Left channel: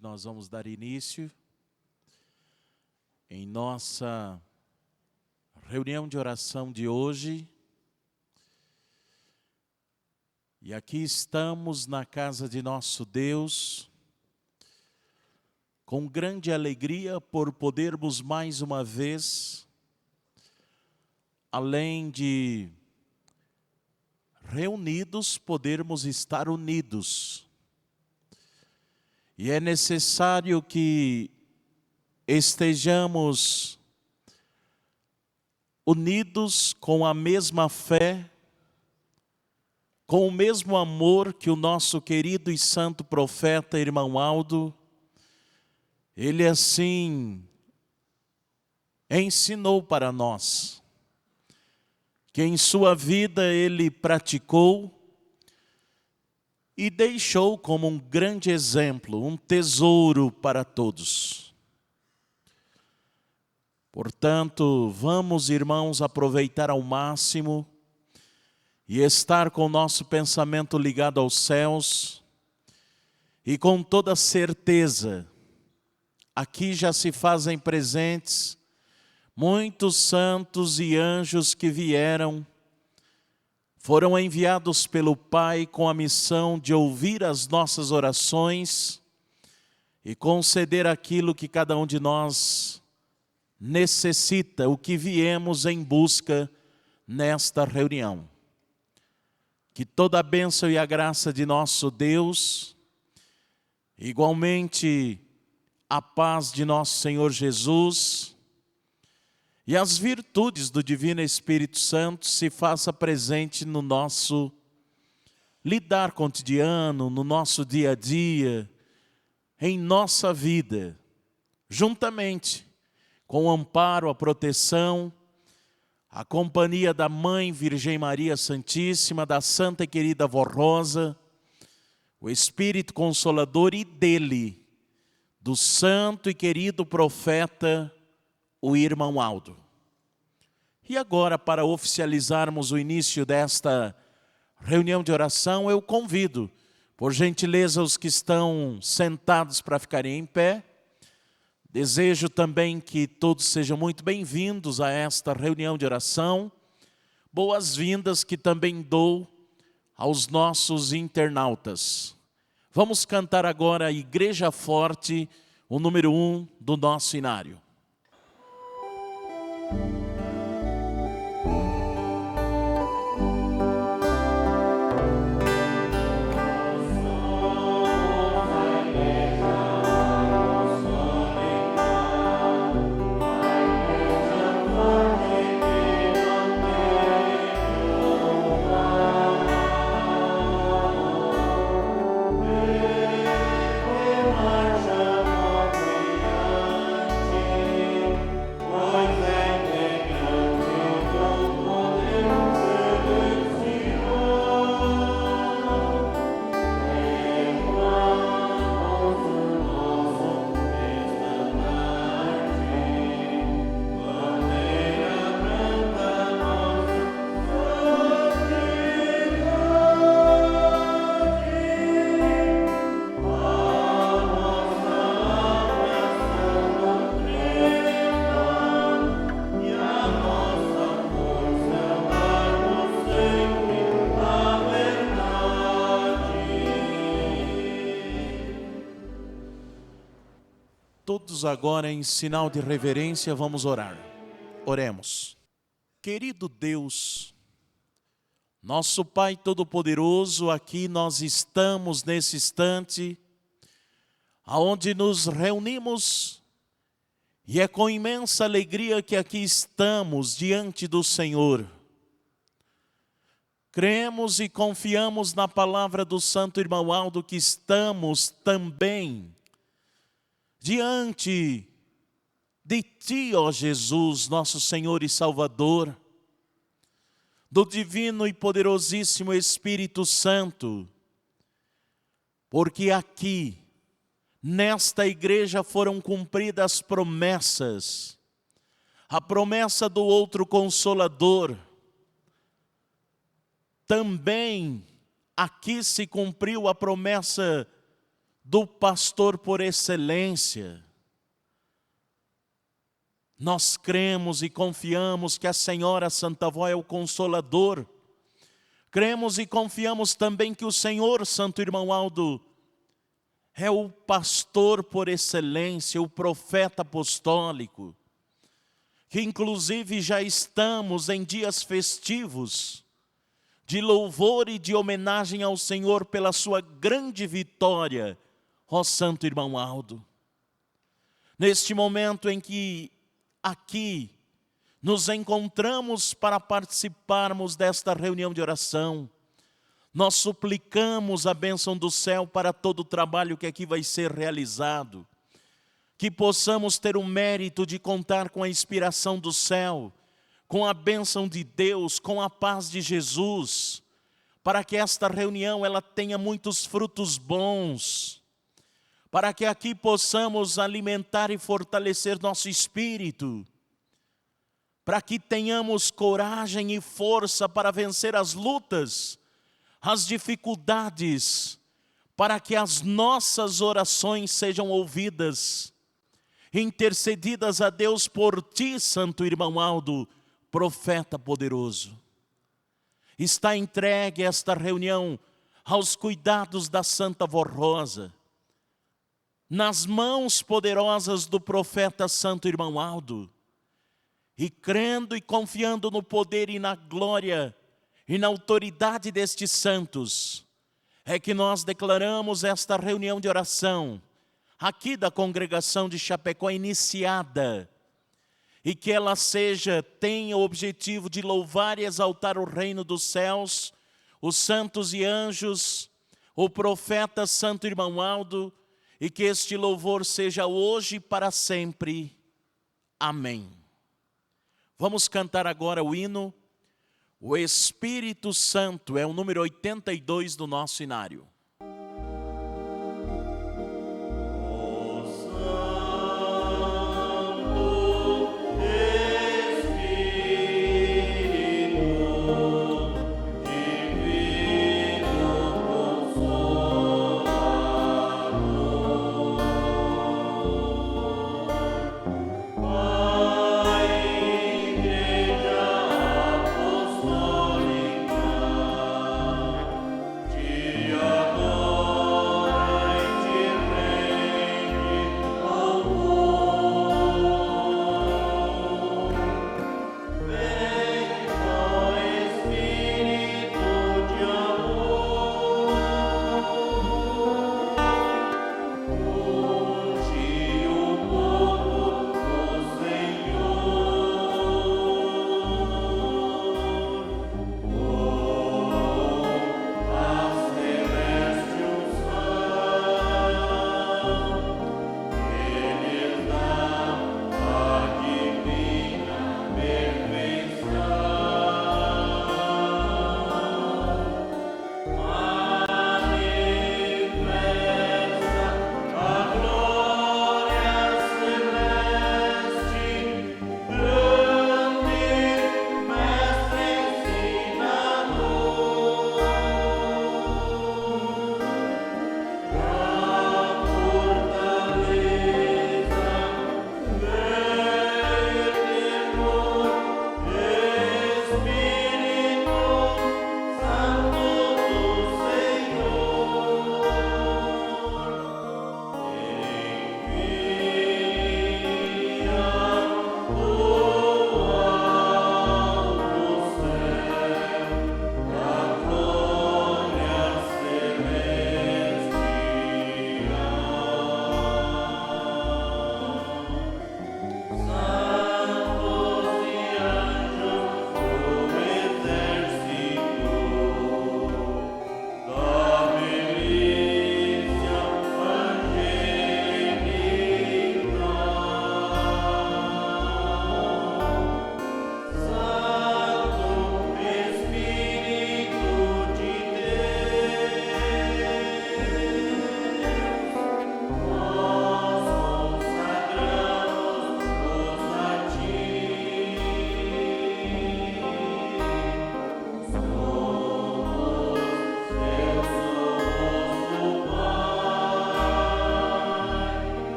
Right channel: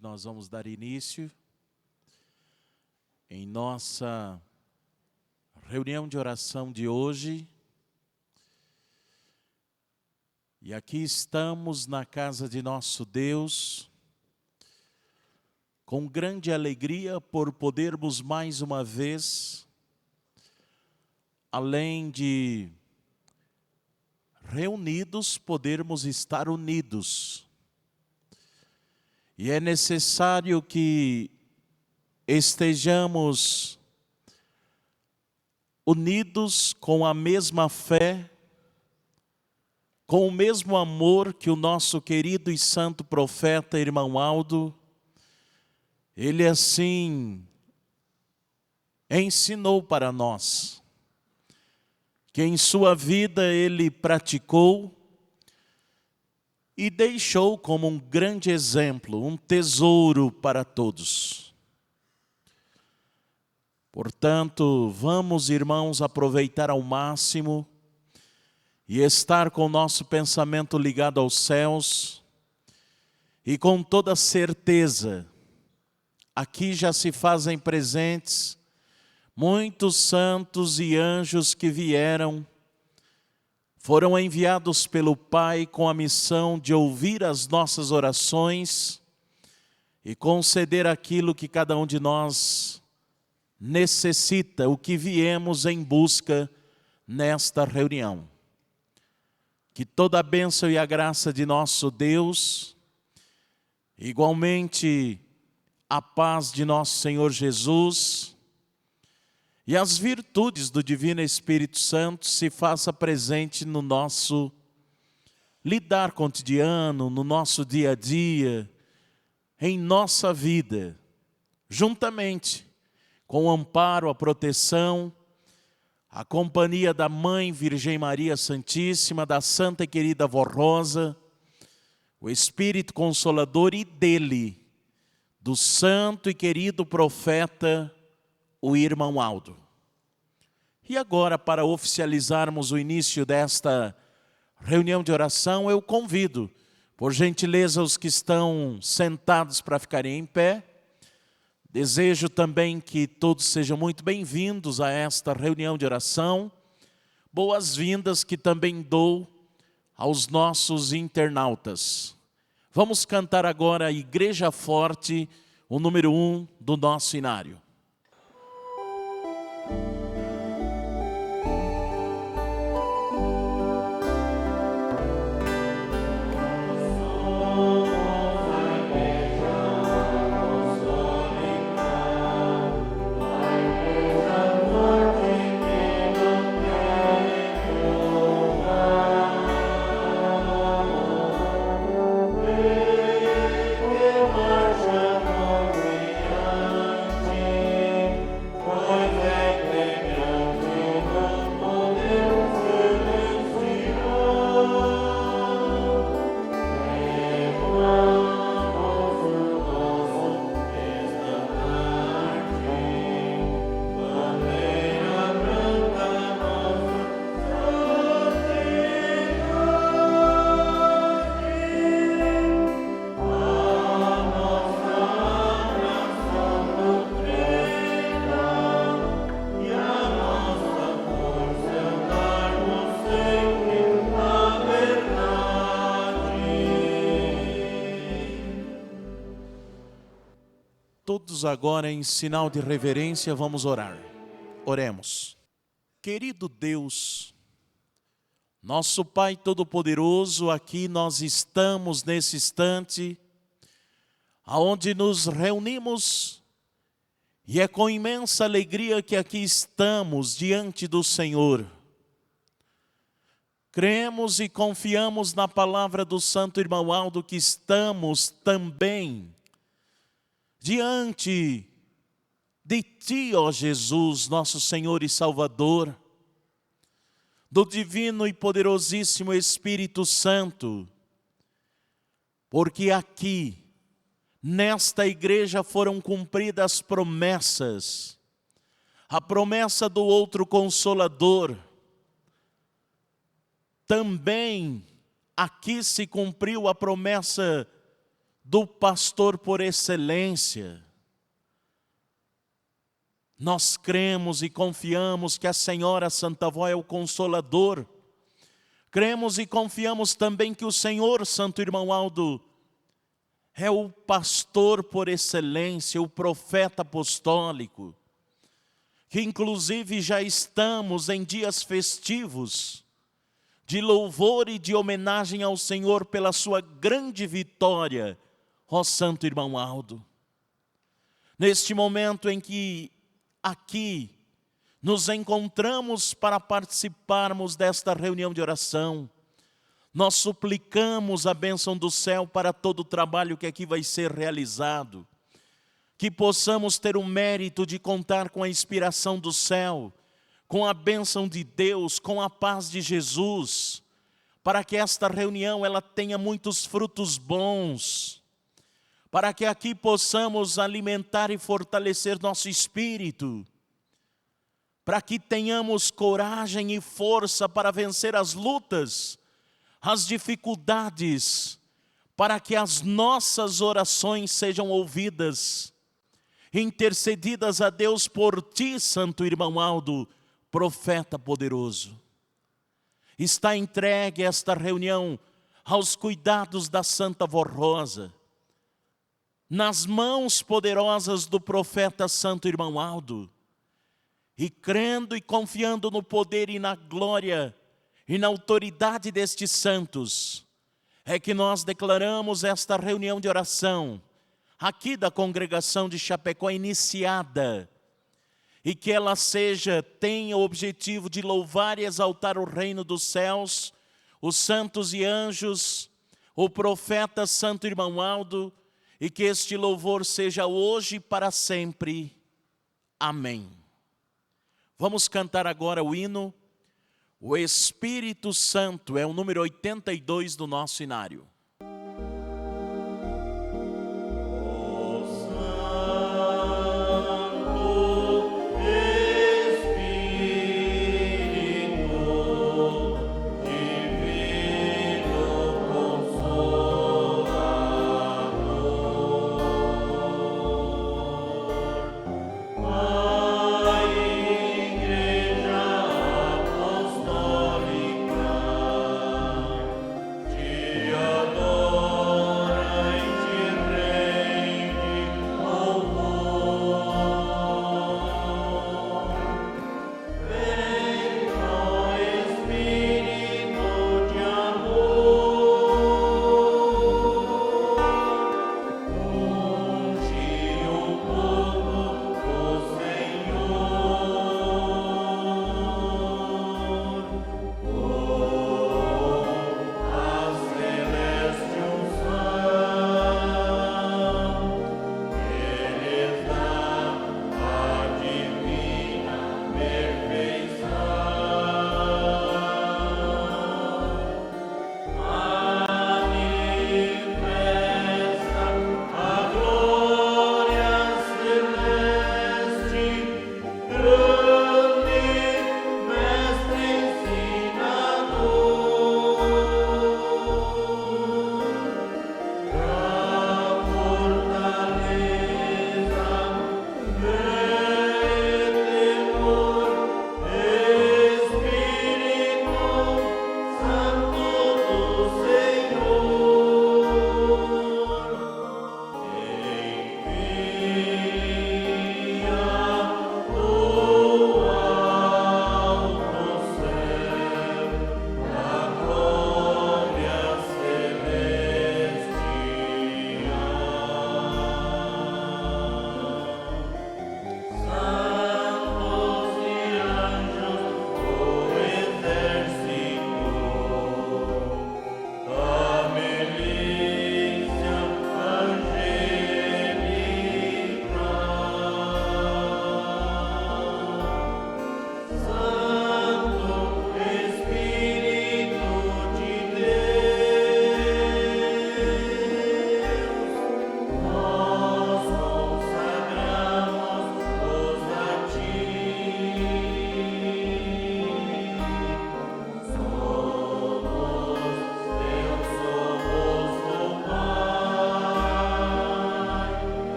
noite nós vamos dar início em nossa reunião de oração de hoje. E aqui estamos na casa de nosso Deus, com grande alegria por podermos mais uma vez, além de reunidos, podermos estar unidos. E é necessário que estejamos unidos com a mesma fé, com o mesmo amor que o nosso querido e santo profeta, irmão Aldo, ele assim ensinou para nós, que em sua vida ele praticou e deixou como um grande exemplo, um tesouro para todos. Portanto, vamos, irmãos, aproveitar ao máximo e estar com o nosso pensamento ligado aos céus e com toda certeza, aqui já se fazem presentes muitos santos e anjos que vieram, foram enviados pelo Pai com a missão de ouvir as nossas orações e conceder aquilo que cada um de nós necessita, o que viemos em busca nesta reunião. Que toda a bênção e a graça de nosso Deus, igualmente a paz de nosso Senhor Jesus e as virtudes do Divino Espírito Santo se faça presente no nosso lidar cotidiano, no nosso dia a dia, em nossa vida, juntamente com o amparo, a proteção, a companhia da Mãe Virgem Maria Santíssima, da Santa e querida Vó Rosa, o Espírito Consolador e dele, do santo e querido profeta, o irmão Aldo. E agora, para oficializarmos o início desta reunião de oração, eu convido, por gentileza, os que estão sentados para ficarem em pé. Desejo também que todos sejam muito bem-vindos a esta reunião de oração. Boas-vindas que também dou aos nossos internautas. Vamos cantar agora a Igreja Forte, o número 1 do nosso inário. Todos agora, em sinal de reverência, vamos orar. Oremos. Querido Deus, nosso Pai Todo-Poderoso, aqui nós estamos nesse instante, aonde nos reunimos, e é com imensa alegria que aqui estamos diante do Senhor. Cremos e confiamos na palavra do Santo Irmão Aldo que estamos também diante de Ti, ó Jesus, nosso Senhor e Salvador, do divino e poderosíssimo Espírito Santo, porque aqui, nesta igreja foram cumpridas as promessas, a promessa do outro Consolador, também aqui se cumpriu a promessa do pastor por excelência. Nós cremos e confiamos que a Senhora Santa Avó é o Consolador. Cremos e confiamos também que o Senhor, Santo Irmão Aldo, é o pastor por excelência, o profeta apostólico, que inclusive já estamos em dias festivos, de louvor e de homenagem ao Senhor pela sua grande vitória, ó Santo Irmão Aldo. Neste momento em que aqui nos encontramos para participarmos desta reunião de oração, nós suplicamos a bênção do céu para todo o trabalho que aqui vai ser realizado, que possamos ter o mérito de contar com a inspiração do céu, com a bênção de Deus, com a paz de Jesus, para que esta reunião ela tenha muitos frutos bons, para que aqui possamos alimentar e fortalecer nosso espírito, para que tenhamos coragem e força para vencer as lutas, as dificuldades, para que as nossas orações sejam ouvidas, intercedidas a Deus por ti, Santo Irmão Aldo, profeta poderoso. Está entregue esta reunião aos cuidados da Santa Avó Rosa, nas mãos poderosas do profeta Santo Irmão Aldo, e crendo e confiando no poder e na glória e na autoridade destes santos, é que nós declaramos esta reunião de oração, aqui da congregação de Chapecó, iniciada, e que ela tenha o objetivo de louvar e exaltar o reino dos céus, os santos e anjos, o profeta Santo Irmão Aldo, e que este louvor seja hoje e para sempre. Amém. Vamos cantar agora o hino O Espírito Santo, é o número 82 do nosso inário. Adoro.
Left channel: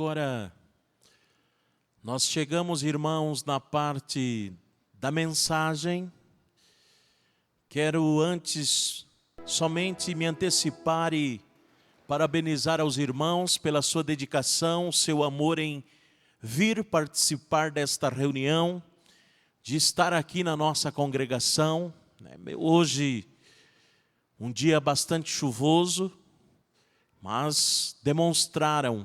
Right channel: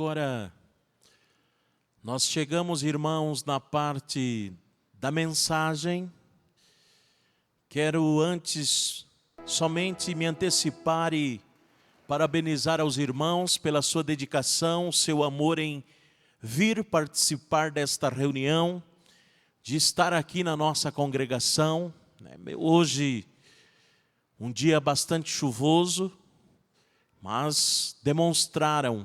Agora, nós chegamos, irmãos, na parte da mensagem. Quero antes somente me antecipar e parabenizar aos irmãos pela sua dedicação, seu amor em vir participar desta reunião, de estar aqui na nossa congregação. Hoje, um dia bastante chuvoso, mas demonstraram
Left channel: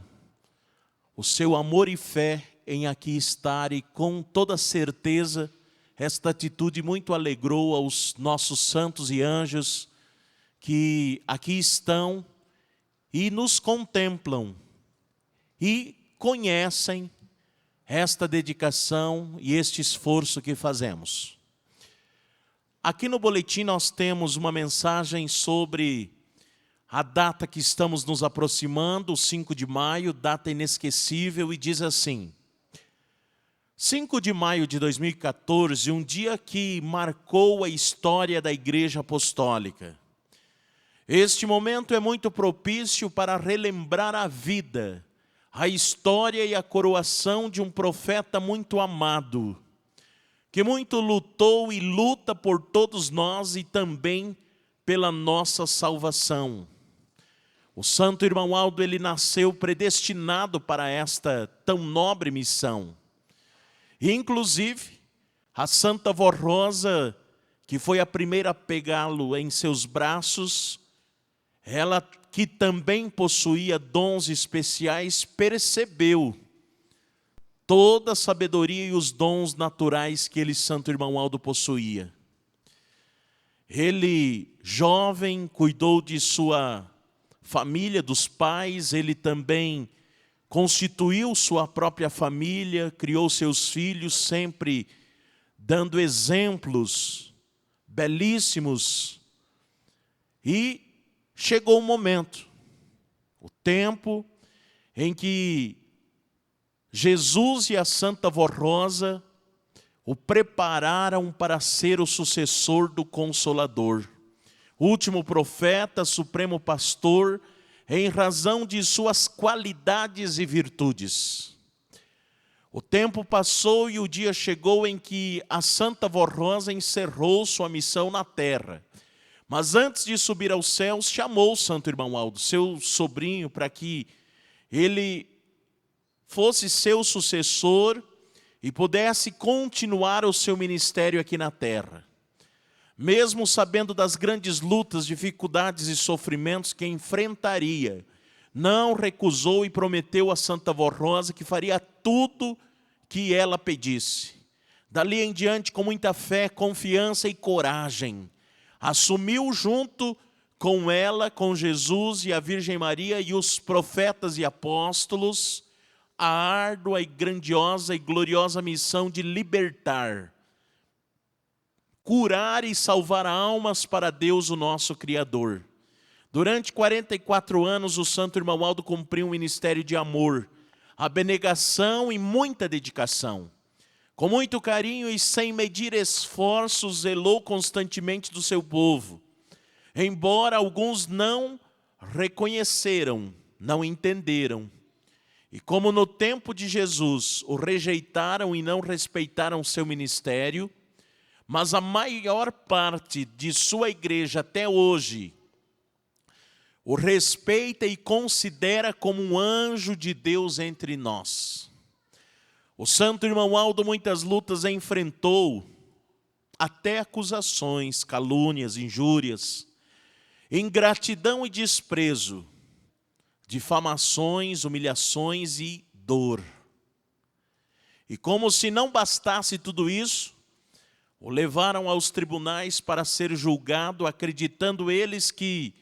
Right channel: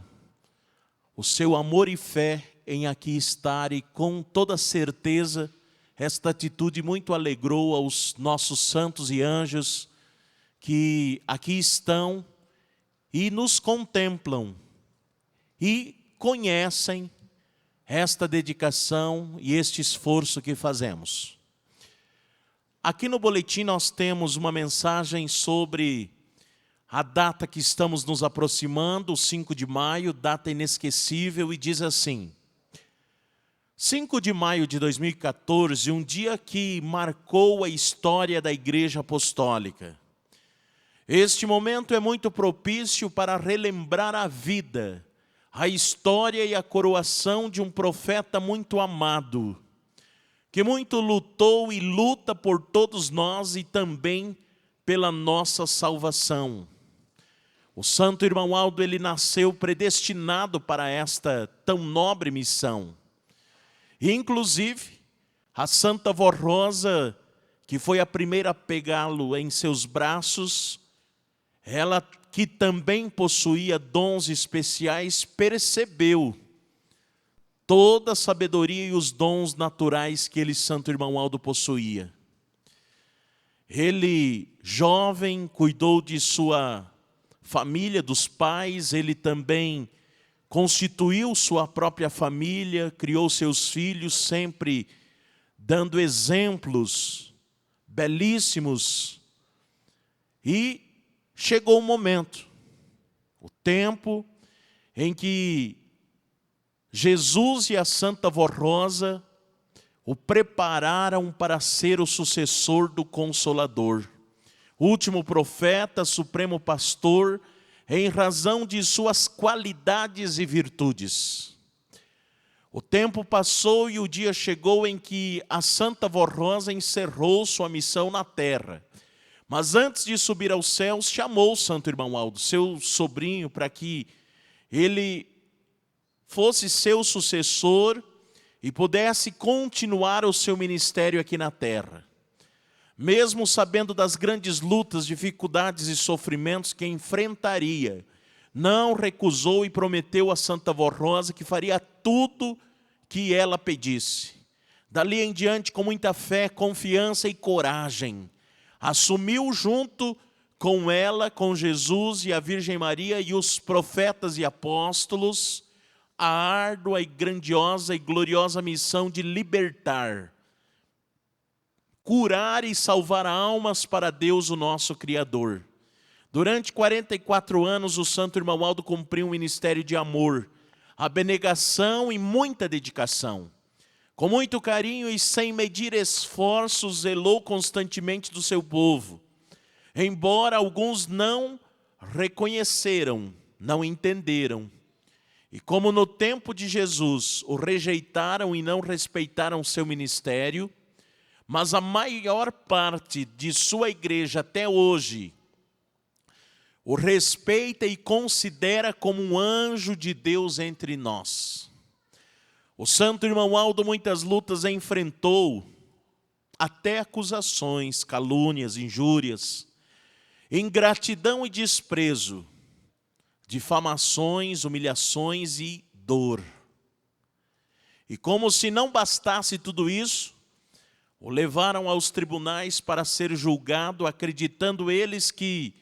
o seu amor e fé em aqui estar, e com toda certeza esta atitude muito alegrou aos nossos santos e anjos que aqui estão e nos contemplam e conhecem esta dedicação e este esforço que fazemos. Aqui no boletim nós temos uma mensagem sobre a data que estamos nos aproximando, o 5 de maio, data inesquecível, e diz assim: 5 de maio de 2014, um dia que marcou a história da Igreja Apostólica. Este momento é muito propício para relembrar a vida, a história e a coroação de um profeta muito amado, que muito lutou e luta por todos nós e também pela nossa salvação. O santo irmão Aldo, ele nasceu predestinado para esta tão nobre missão. E, inclusive, a Santa Vó Rosa, que foi a primeira a pegá-lo em seus braços, ela que também possuía dons especiais, percebeu toda a sabedoria e os dons naturais que ele, santo irmão Aldo, possuía. Ele, jovem, cuidou de sua família, dos pais, ele também constituiu sua própria família, criou seus filhos, sempre dando exemplos belíssimos. E chegou o momento, o tempo em que Jesus e a Santa Vó Rosa o prepararam para ser o sucessor do Consolador, último profeta, supremo pastor, em razão de suas qualidades e virtudes. O tempo passou e o dia chegou em que a Santa Vó Rosa encerrou sua missão na terra. Mas antes de subir aos céus, chamou o santo irmão Aldo, seu sobrinho, para que ele fosse seu sucessor e pudesse continuar o seu ministério aqui na terra. Mesmo sabendo das grandes lutas, dificuldades e sofrimentos que enfrentaria, não recusou e prometeu a Santa Vó Rosa que faria tudo que ela pedisse. Dali em diante, com muita fé, confiança e coragem, assumiu junto com ela, com Jesus e a Virgem Maria e os profetas e apóstolos, a árdua e grandiosa e gloriosa missão de libertar, curar e salvar almas para Deus, o nosso Criador. Durante 44 anos, o santo irmão Aldo cumpriu um ministério de amor, abnegação e muita dedicação. Com muito carinho e sem medir esforços, zelou constantemente do seu povo. Embora alguns não reconheceram, não entenderam. E como no tempo de Jesus o rejeitaram e não respeitaram seu ministério, mas a maior parte de sua igreja até hoje o respeita e considera como um anjo de Deus entre nós. O santo irmão Aldo muitas lutas enfrentou, até acusações, calúnias, injúrias, ingratidão e desprezo, difamações, humilhações e dor. E como se não bastasse tudo isso, o levaram aos tribunais para ser julgado, acreditando eles que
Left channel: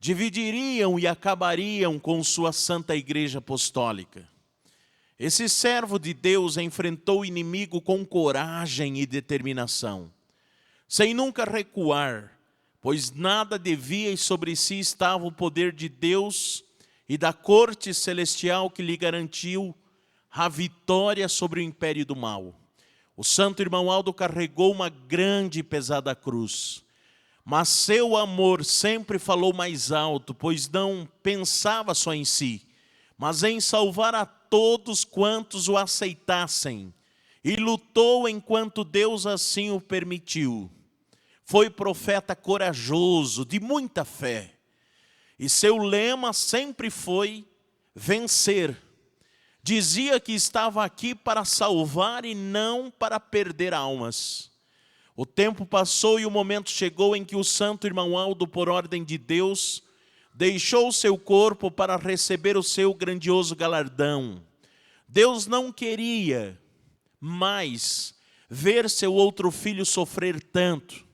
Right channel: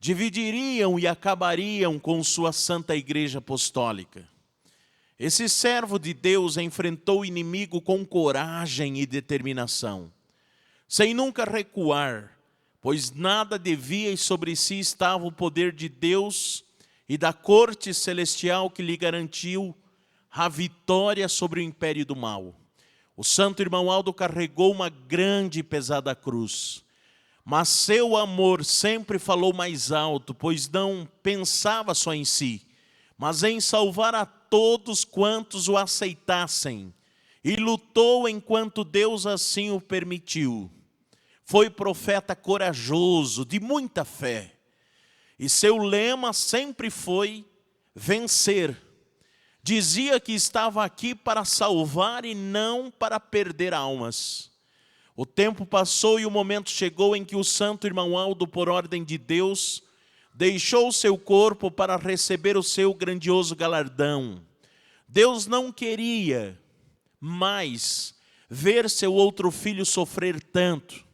dividiriam e acabariam com sua santa igreja apostólica. Esse servo de Deus enfrentou o inimigo com coragem e determinação, sem nunca recuar, pois nada devia e sobre si estava o poder de Deus e da corte celestial que lhe garantiu a vitória sobre o império do mal. O santo irmão Aldo carregou uma grande e pesada cruz, mas seu amor sempre falou mais alto, pois não pensava só em si, mas em salvar a todos quantos o aceitassem, e lutou enquanto Deus assim o permitiu. Foi profeta corajoso, de muita fé, e seu lema sempre foi vencer. Dizia que estava aqui para salvar e não para perder almas. O tempo passou e o momento chegou em que o santo irmão Aldo, por ordem de Deus, deixou seu corpo para receber o seu grandioso galardão. Deus não queria mais ver seu outro filho sofrer tanto,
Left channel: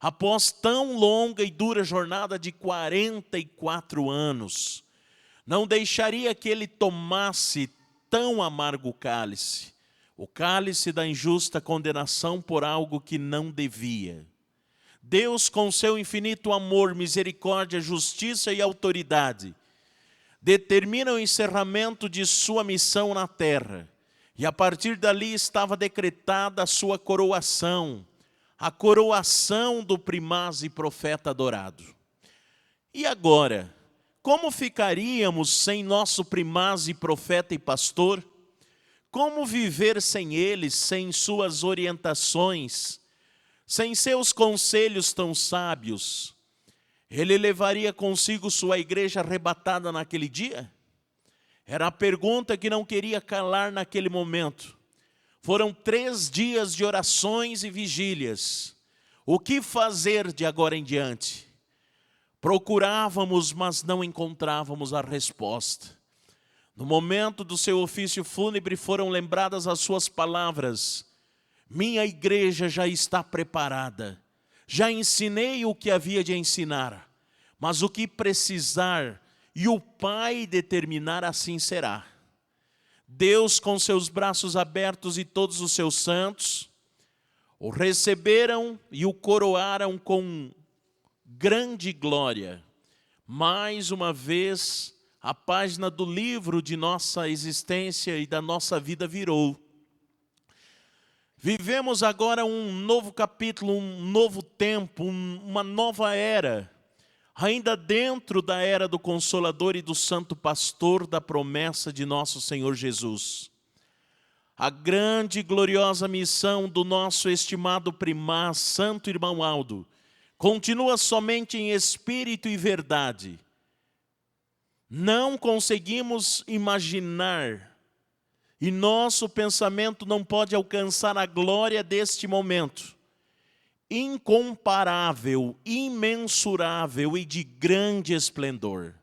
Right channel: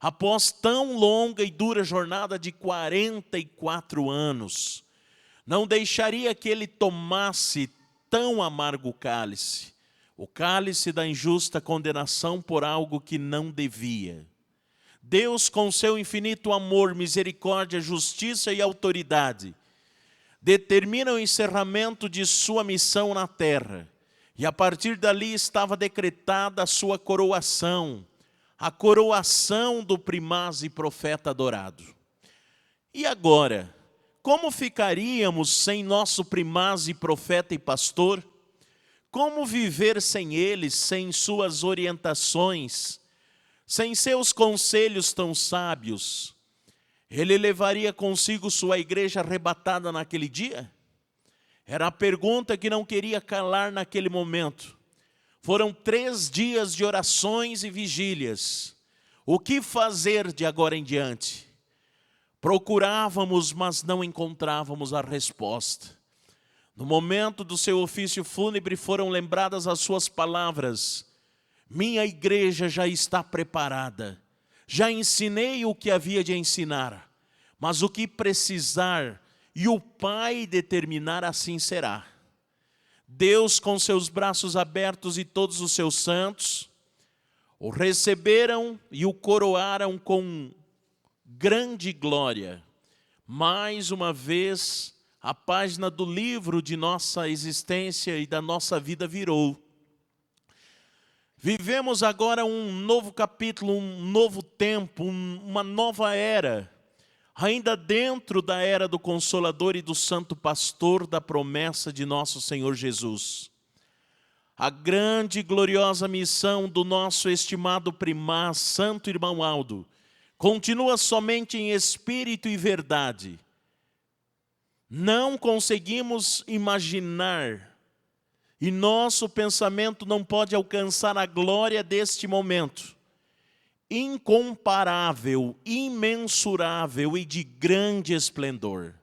após tão longa e dura jornada de 44 anos. Não deixaria que ele tomasse tão amargo cálice, o cálice da injusta condenação por algo que não devia. Deus, com seu infinito amor, misericórdia, justiça e autoridade, determina o encerramento de sua missão na terra, e a partir dali estava decretada a sua coroação, a coroação do primaz e profeta adorado. E agora, como ficaríamos sem nosso primaz e profeta e pastor? Como viver sem ele, sem suas orientações, sem seus conselhos tão sábios? Ele levaria consigo sua igreja arrebatada naquele dia? Era a pergunta que não queria calar naquele momento. Foram 3 dias de orações e vigílias. O que fazer de agora em diante? Procurávamos, mas não encontrávamos a resposta. No momento do seu ofício fúnebre foram lembradas as suas palavras: minha igreja já está preparada, já ensinei o que havia de ensinar, mas o que precisar e o Pai determinar, assim será. Deus, com seus braços abertos, e todos os seus santos o receberam e o coroaram com grande glória. Mais uma vez, a página do livro de nossa existência e da nossa vida virou. Vivemos agora um novo capítulo, um novo tempo, uma nova era, ainda dentro da era do Consolador e do Santo Pastor da promessa de nosso Senhor Jesus. A grande e gloriosa missão do nosso estimado primaz, Santo Irmão Aldo, continua somente em espírito e verdade. Não conseguimos imaginar, e nosso pensamento não pode alcançar a glória deste momento, incomparável, imensurável e de grande esplendor.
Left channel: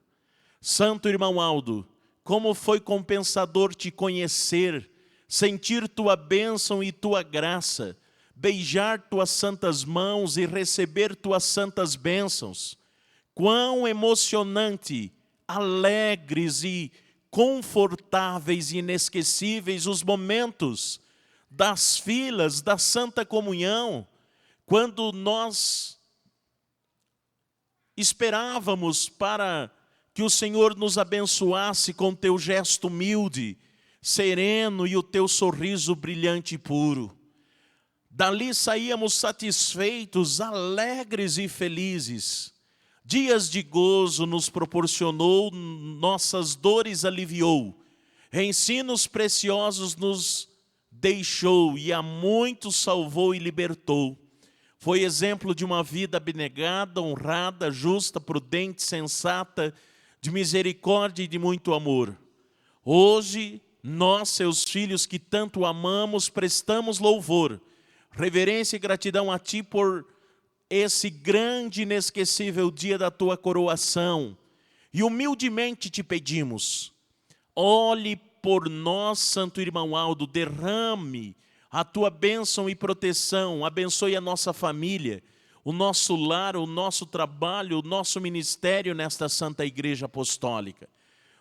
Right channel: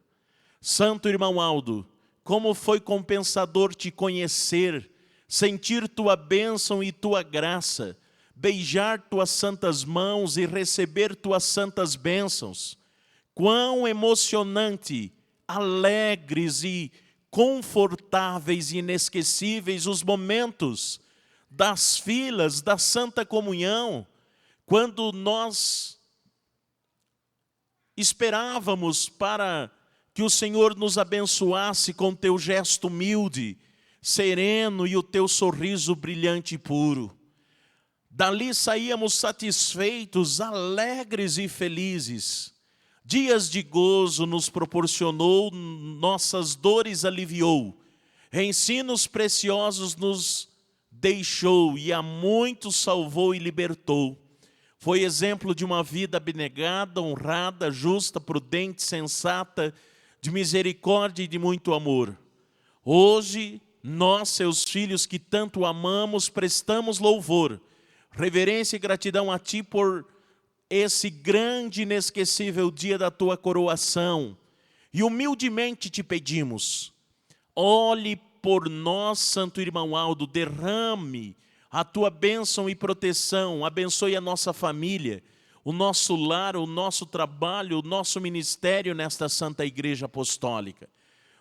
Santo Irmão Aldo, como foi compensador te conhecer, sentir tua bênção e tua graça, beijar tuas santas mãos e receber tuas santas bênçãos. Quão emocionante, alegres e confortáveis e inesquecíveis os momentos das filas da Santa Comunhão, quando nós esperávamos para que o Senhor nos abençoasse com teu gesto humilde, sereno e o teu sorriso brilhante e puro. Dali saíamos satisfeitos, alegres e felizes. Dias de gozo nos proporcionou, nossas dores aliviou, ensinos preciosos nos deixou e a muitos salvou e libertou. Foi exemplo de uma vida abnegada, honrada, justa, prudente, sensata, de misericórdia e de muito amor. Hoje, nós, seus filhos que tanto amamos, prestamos louvor, reverência e gratidão a Ti por esse grande e inesquecível dia da Tua coroação. E humildemente te pedimos, olhe por nós, Santo Irmão Aldo, derrame a Tua bênção e proteção, abençoe a nossa família, o nosso lar, o nosso trabalho, o nosso ministério nesta Santa Igreja Apostólica.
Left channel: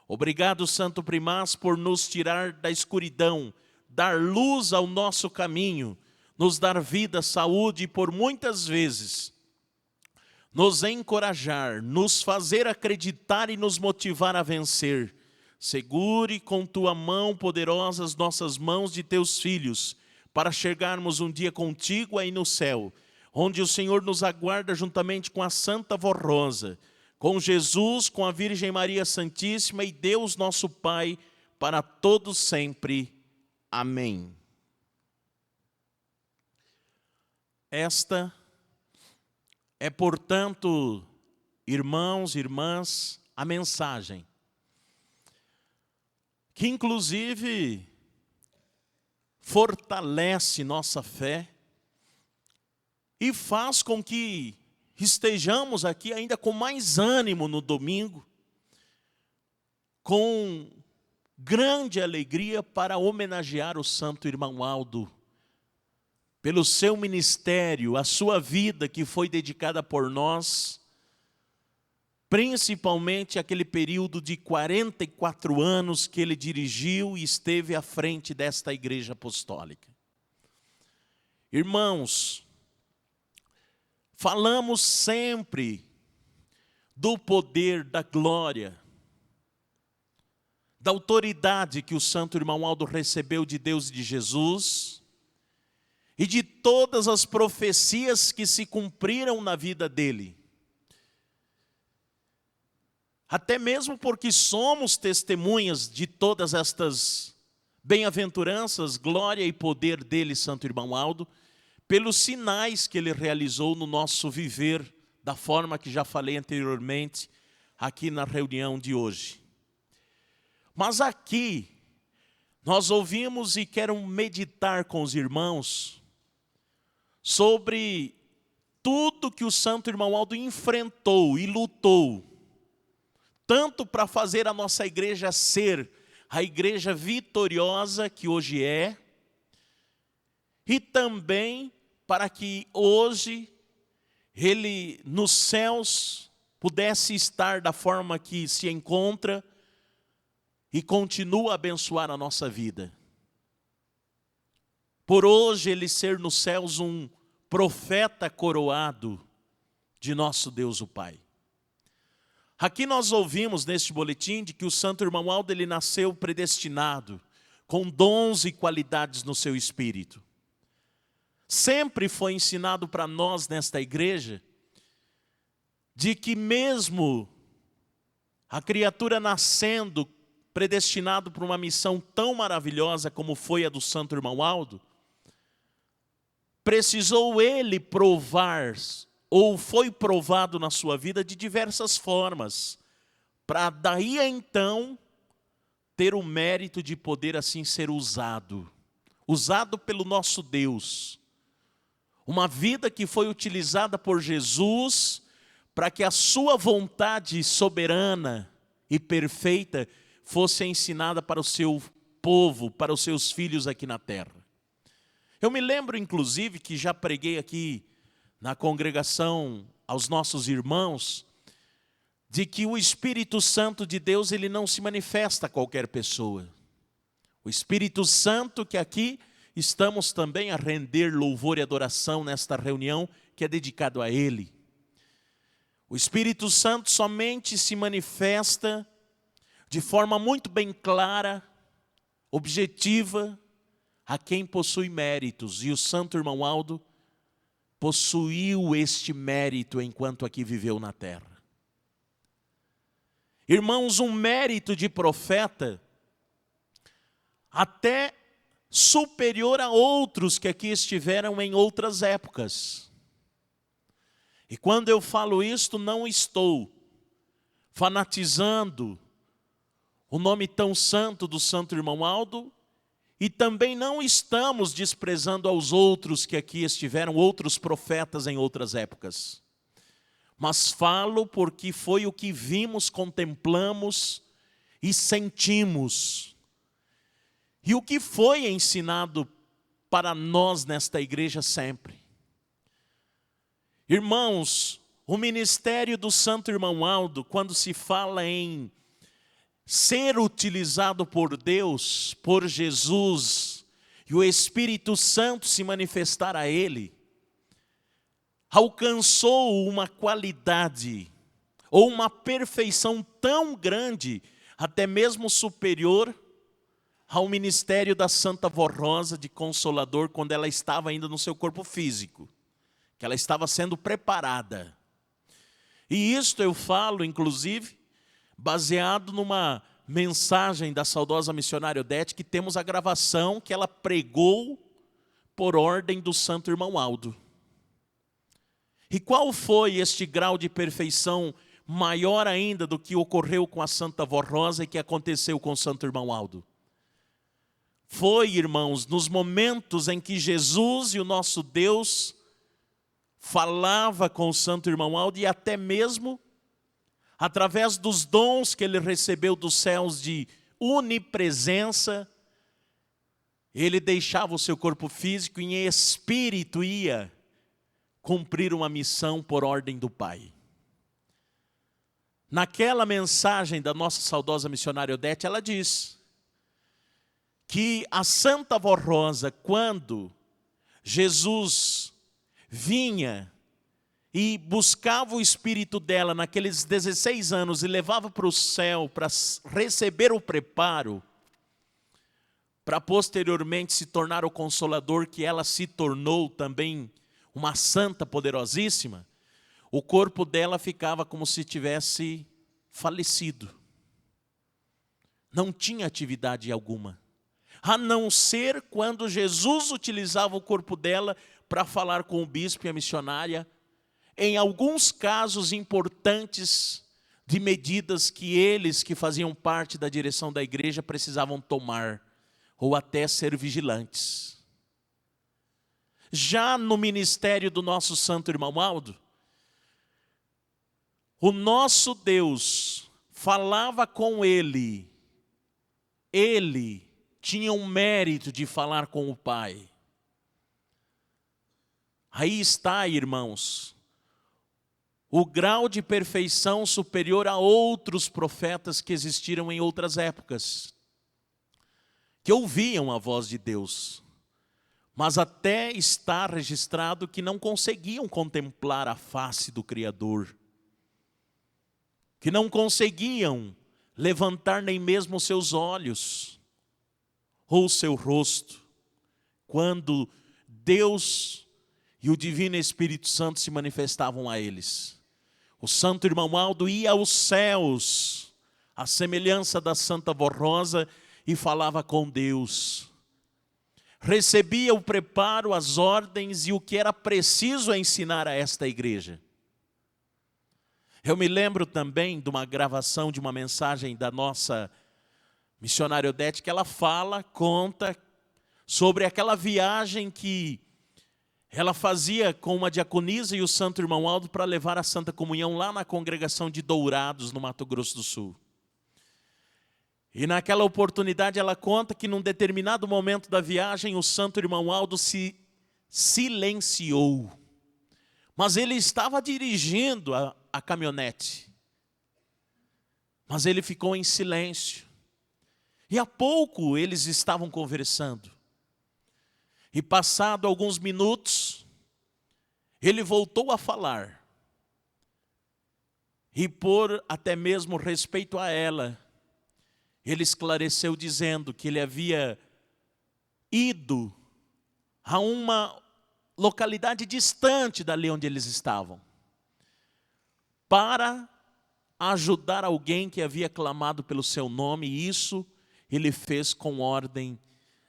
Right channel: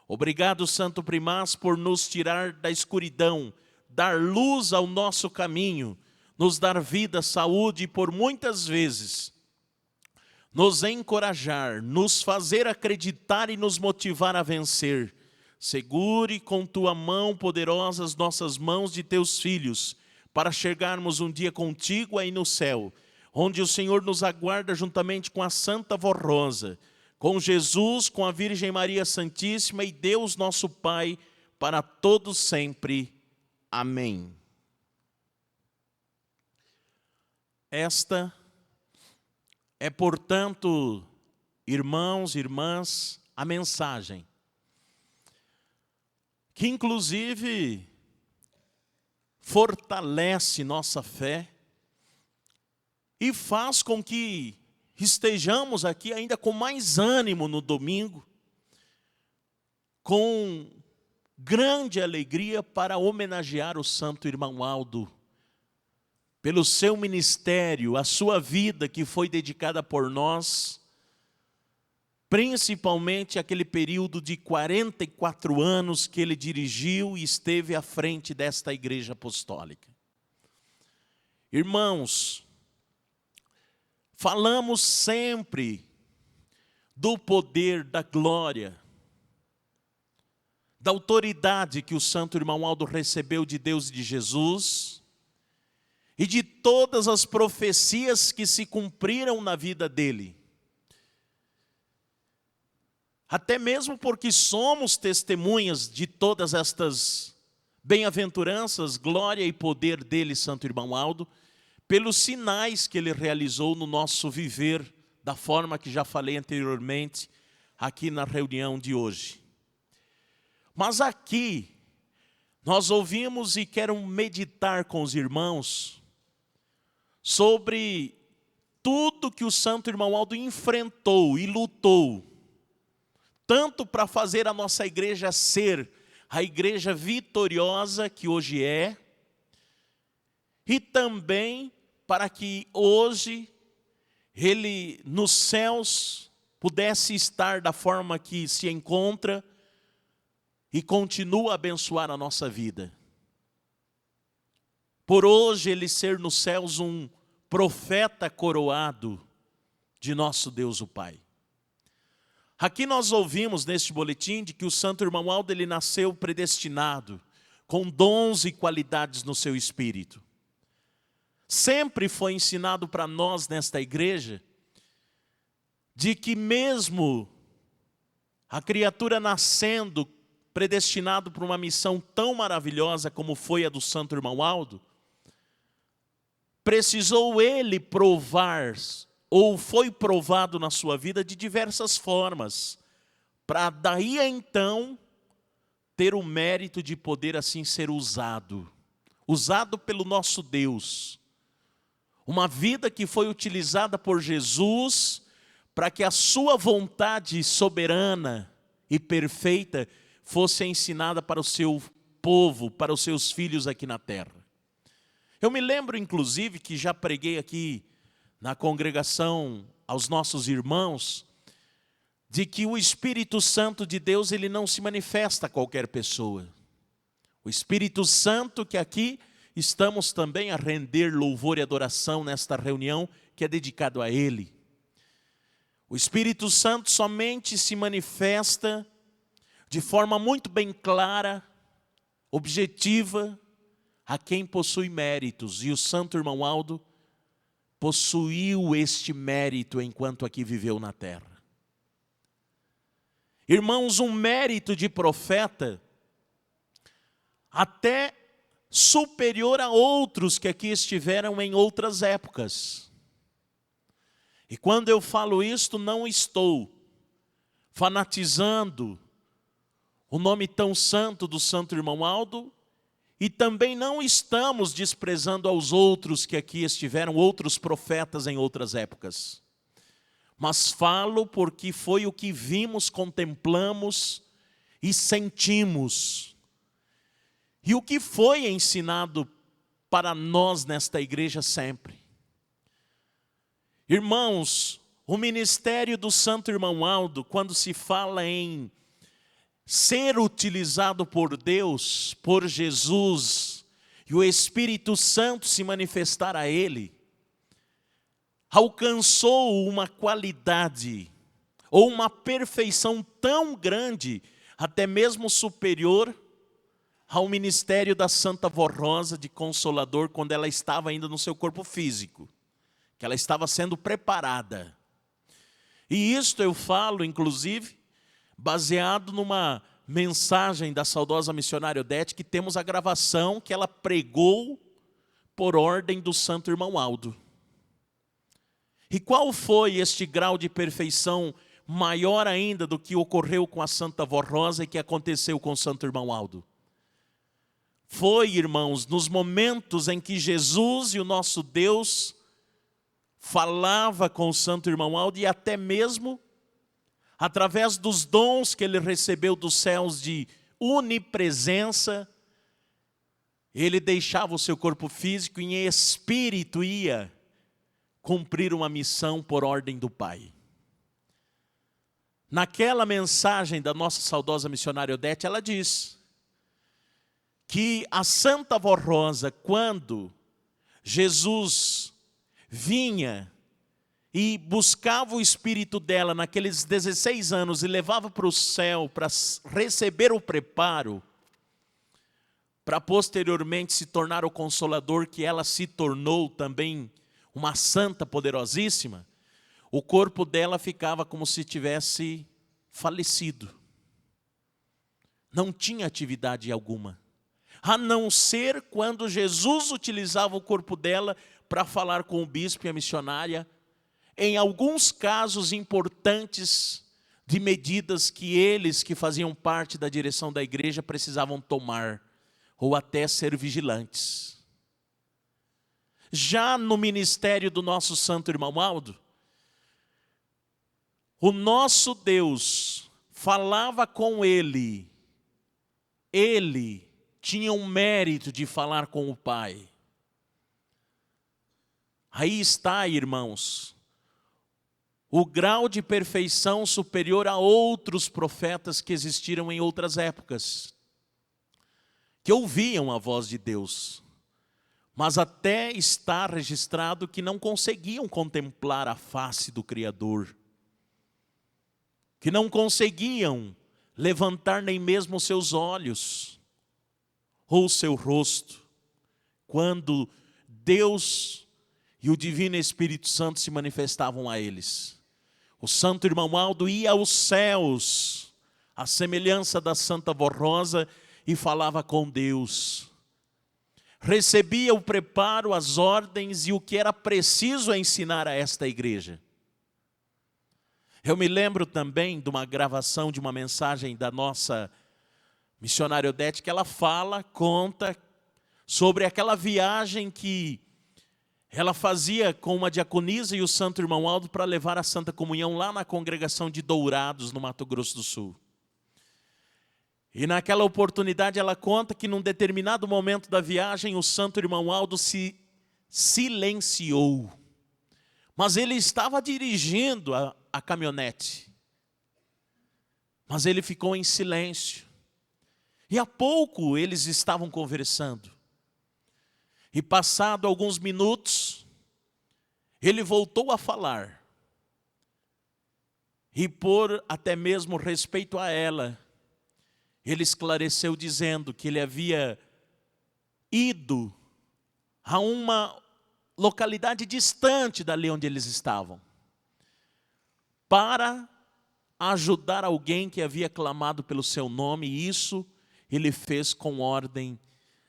Obrigado, Santo Primaz, por nos tirar da escuridão, dar luz ao nosso caminho, nos dar vida, saúde e por muitas vezes nos encorajar, nos fazer acreditar e nos motivar a vencer. Segure com Tua mão poderosa as nossas mãos de Teus filhos, para chegarmos um dia contigo aí no céu, onde o Senhor nos aguarda juntamente com a Santa Voz Rosa, com Jesus, com a Virgem Maria Santíssima e Deus nosso Pai, para todos sempre. Amém. Esta é, portanto, irmãos e irmãs, a mensagem que, inclusive, fortalece nossa fé e faz com que estejamos aqui ainda com mais ânimo no domingo, com grande alegria para homenagear o santo irmão Aldo, pelo seu ministério, a sua vida que foi dedicada por nós, principalmente aquele período de 44 anos que ele dirigiu e esteve à frente desta igreja apostólica. Irmãos, falamos sempre do poder, da glória, da autoridade que o santo irmão Aldo recebeu de Deus e de Jesus, e de todas as profecias que se cumpriram na vida dele. Até mesmo porque somos testemunhas de todas estas bem-aventuranças, glória e poder dele, santo irmão Aldo, pelos sinais que ele realizou no nosso viver, da forma que já falei anteriormente, aqui na reunião de hoje. Mas aqui, nós ouvimos e quero meditar com os irmãos sobre tudo que o santo irmão Aldo enfrentou e lutou, tanto para fazer a nossa igreja ser a igreja vitoriosa que hoje é, e também para que hoje ele nos céus pudesse estar da forma que se encontra e continua a abençoar a nossa vida. Por hoje ele ser nos céus um profeta coroado de nosso Deus o Pai. Aqui nós ouvimos neste boletim de que o santo irmão Aldo ele nasceu predestinado, com dons e qualidades no seu espírito. Sempre foi ensinado para nós nesta igreja de que mesmo a criatura nascendo predestinado para uma missão tão maravilhosa como foi a do santo irmão Aldo, precisou ele provar, ou foi provado na sua vida de diversas formas, para daí a então ter o mérito de poder assim ser usado pelo nosso Deus. Uma vida que foi utilizada por Jesus para que a sua vontade soberana e perfeita fosse ensinada para o seu povo, para os seus filhos aqui na terra. Eu me lembro, inclusive, que já preguei aqui na congregação aos nossos irmãos, de que o Espírito Santo de Deus ele não se manifesta a qualquer pessoa. O Espírito Santo que aqui estamos também a render louvor e adoração nesta reunião que é dedicado a Ele. O Espírito Santo somente se manifesta de forma muito bem clara, objetiva, a quem possui méritos. E o santo irmão Aldo possuiu este mérito enquanto aqui viveu na terra. Irmãos, um mérito de profeta até superior a outros que aqui estiveram em outras épocas. E quando eu falo isto, não estou fanatizando o nome tão santo do santo irmão Aldo, e também não estamos desprezando aos outros que aqui estiveram, outros profetas em outras épocas. Mas falo porque foi o que vimos, contemplamos e sentimos. E o que foi ensinado para nós nesta igreja sempre. Irmãos, o ministério do santo irmão Aldo, quando se fala em ser utilizado por Deus, por Jesus, e o Espírito Santo se manifestar a ele, alcançou uma qualidade, ou uma perfeição tão grande, até mesmo superior ao ministério da Santa Vó Rosa de Consolador, quando ela estava ainda no seu corpo físico, que ela estava sendo preparada. E isto eu falo, inclusive, baseado numa mensagem da saudosa missionária Odete, que temos a gravação que ela pregou por ordem do santo irmão Aldo. E qual foi este grau de perfeição maior ainda do que ocorreu com a Santa Vó Rosa e que aconteceu com o santo irmão Aldo? Foi, irmãos, nos momentos em que Jesus e o nosso Deus falava com o santo irmão Aldo e até mesmo através dos dons que ele recebeu dos céus de onipresença, ele deixava o seu corpo físico e em espírito ia cumprir uma missão por ordem do Pai. Naquela mensagem da nossa saudosa missionária Odete, ela diz que a Santa Vó Rosa, quando Jesus vinha e buscava o espírito dela naqueles 16 anos e levava para o céu para receber o preparo, para posteriormente se tornar o Consolador, que ela se tornou também uma santa poderosíssima, o corpo dela ficava como se tivesse falecido. Não tinha atividade alguma, a não ser quando Jesus utilizava o corpo dela para falar com o bispo e a missionária, em alguns casos importantes de medidas que eles, que faziam parte da direção da igreja, precisavam tomar, ou até ser vigilantes. Já no ministério do nosso santo irmão Aldo, o nosso Deus falava com ele tinha um mérito de falar com o Pai. Aí está, irmãos, o grau de perfeição superior a outros profetas que existiram em outras épocas, que ouviam a voz de Deus, mas até está registrado que não conseguiam contemplar a face do Criador, que não conseguiam levantar nem mesmo os seus olhos ou o seu rosto, quando Deus e o Divino Espírito Santo se manifestavam a eles. O santo irmão Aldo ia aos céus, à semelhança da Santa Vó Rosa, e falava com Deus. Recebia o preparo, as ordens e o que era preciso ensinar a esta igreja. Eu me lembro também de uma gravação de uma mensagem da nossa missionária Odete, que ela conta sobre aquela viagem que ela fazia com uma diaconisa e o santo irmão Aldo para levar a Santa Comunhão lá na congregação de Dourados, no Mato Grosso do Sul. E naquela oportunidade ela conta que num determinado momento da viagem o santo irmão Aldo se silenciou. Mas ele estava dirigindo a caminhonete. Mas ele ficou em silêncio. E há pouco eles estavam conversando. E passado alguns minutos, ele voltou a falar. E por até mesmo respeito a ela, ele esclareceu dizendo que ele havia ido a uma localidade distante dali onde eles estavam, para ajudar alguém que havia clamado pelo seu nome, e isso ele fez com ordem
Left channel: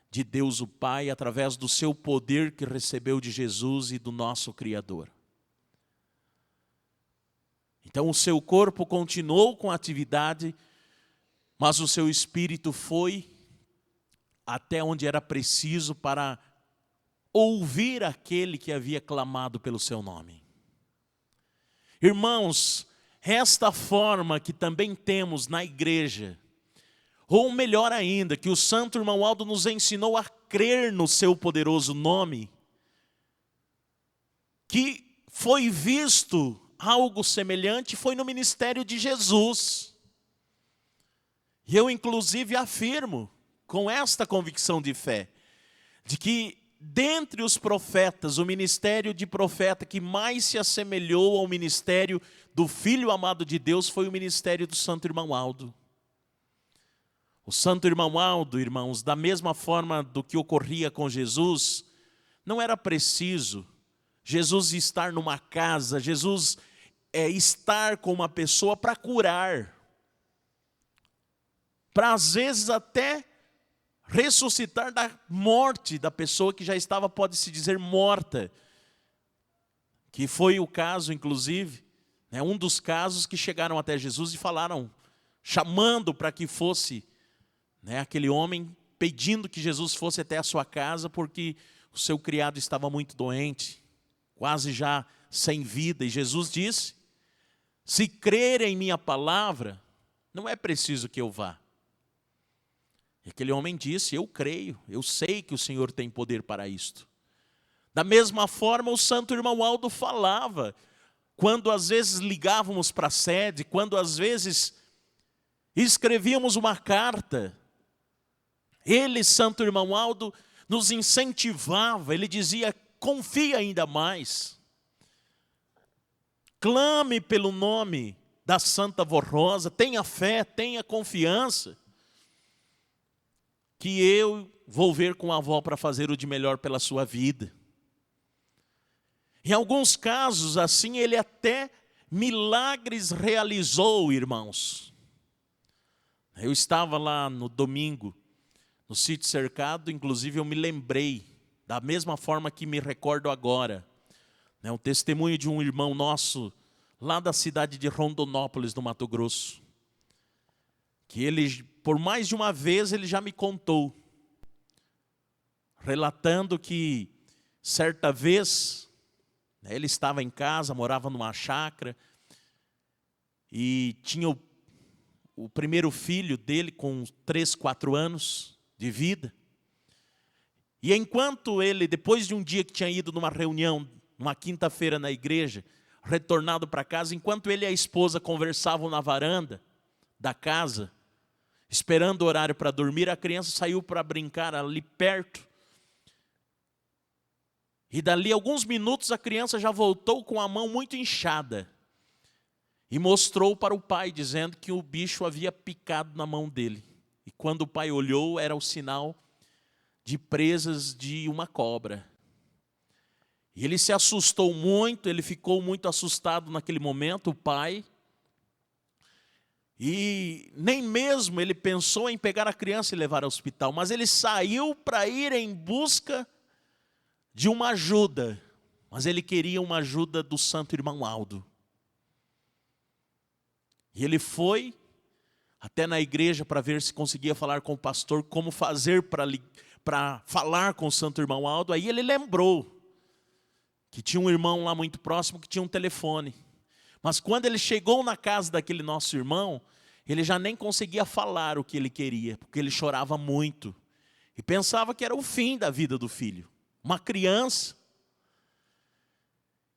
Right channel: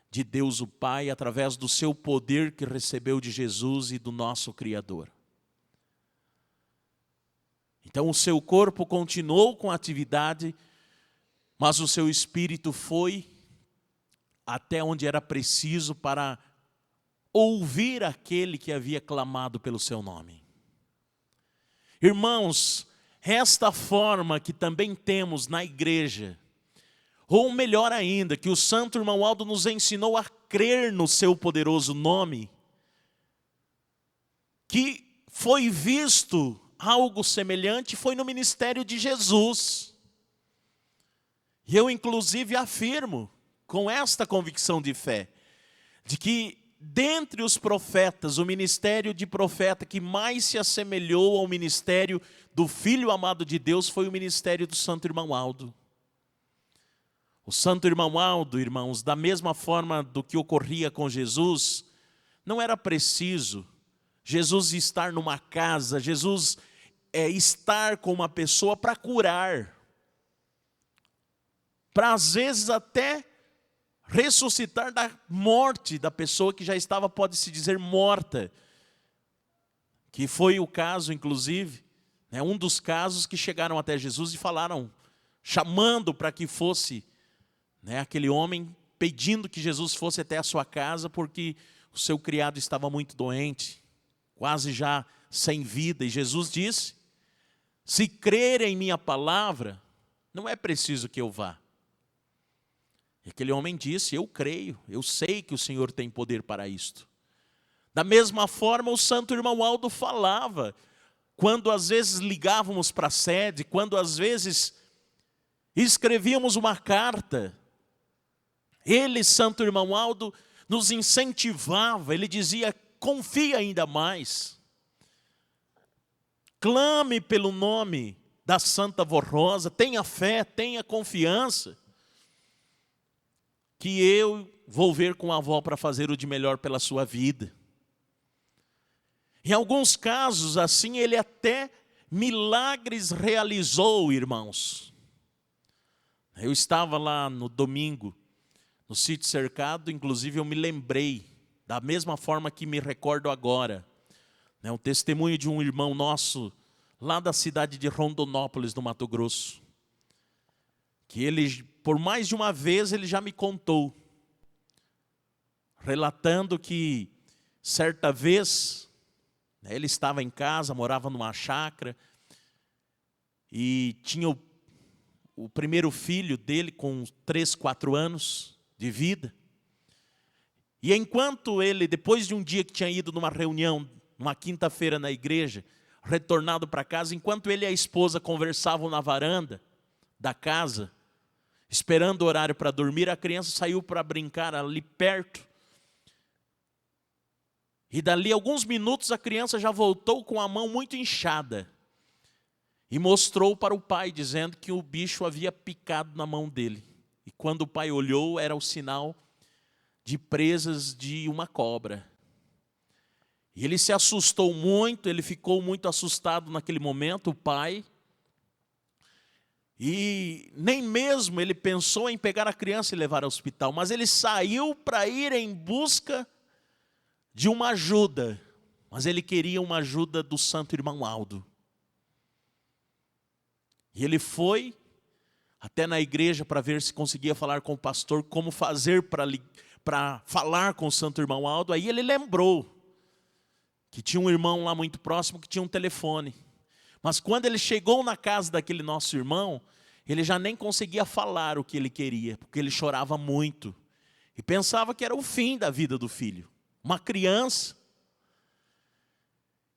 de Deus o Pai, através do seu poder que recebeu de Jesus e do nosso Criador. Então o seu corpo continuou com a atividade, mas o seu espírito foi até onde era preciso para ouvir aquele que havia clamado pelo seu nome. Irmãos, esta forma que também temos na igreja, ou melhor ainda, que o santo irmão Aldo nos ensinou a crer no seu poderoso nome, que foi visto algo semelhante, foi no ministério de Jesus. E eu inclusive afirmo, com esta convicção de fé, de que dentre os profetas, o ministério de profeta que mais se assemelhou ao ministério do Filho amado de Deus foi o ministério do santo irmão Aldo. O santo irmão Aldo, irmãos, da mesma forma do que ocorria com Jesus, não era preciso Jesus estar numa casa, Jesus estar com uma pessoa para curar, para às vezes até ressuscitar da morte da pessoa que já estava, pode-se dizer, morta. Que foi o caso, inclusive, um dos casos que chegaram até Jesus e falaram, chamando para que fosse aquele homem, pedindo que Jesus fosse até a sua casa, porque o seu criado estava muito doente, quase já sem vida. E Jesus disse, se crerem em minha palavra, não é preciso que eu vá. E aquele homem disse, eu creio, eu sei que o Senhor tem poder para isto. Da mesma forma, o santo irmão Aldo falava, quando às vezes ligávamos para a sede, quando às vezes escrevíamos uma carta, ele, santo irmão Aldo, nos incentivava, ele dizia, confia ainda mais. Clame pelo nome da Santa Vó Rosa, tenha fé, tenha confiança, que eu vou ver com a avó para fazer o de melhor pela sua vida. Em alguns casos, assim, ele até milagres realizou, irmãos. Eu estava lá no domingo, no sítio cercado, inclusive eu me lembrei, da mesma forma que me recordo agora, o testemunho de um irmão nosso, lá da cidade de Rondonópolis, no Mato Grosso, que ele, por mais de uma vez, ele já me contou, relatando que, certa vez, ele estava em casa, morava numa chácara, e tinha o primeiro filho dele com 3, 4 anos de vida. E enquanto ele, depois de um dia que tinha ido numa reunião, numa quinta-feira na igreja, retornado para casa, enquanto ele e a esposa conversavam na varanda da casa, esperando o horário para dormir, a criança saiu para brincar ali perto. E dali alguns minutos a criança já voltou com a mão muito inchada. E mostrou para o pai, dizendo que o bicho havia picado na mão dele. E quando o pai olhou, era o sinal de presas de uma cobra. E ele se assustou muito, ele ficou muito assustado naquele momento, o pai. E nem mesmo ele pensou em pegar a criança e levar ao hospital, mas ele saiu para ir em busca de uma ajuda, mas ele queria uma ajuda do santo irmão Aldo. E ele foi até na igreja para ver se conseguia falar com o pastor, como fazer para falar com o santo irmão Aldo. Aí ele lembrou que tinha um irmão lá muito próximo que tinha um telefone. Mas quando ele chegou na casa daquele nosso irmão, ele já nem conseguia falar o que ele queria, porque ele chorava muito. E pensava que era o fim da vida do filho. Uma criança.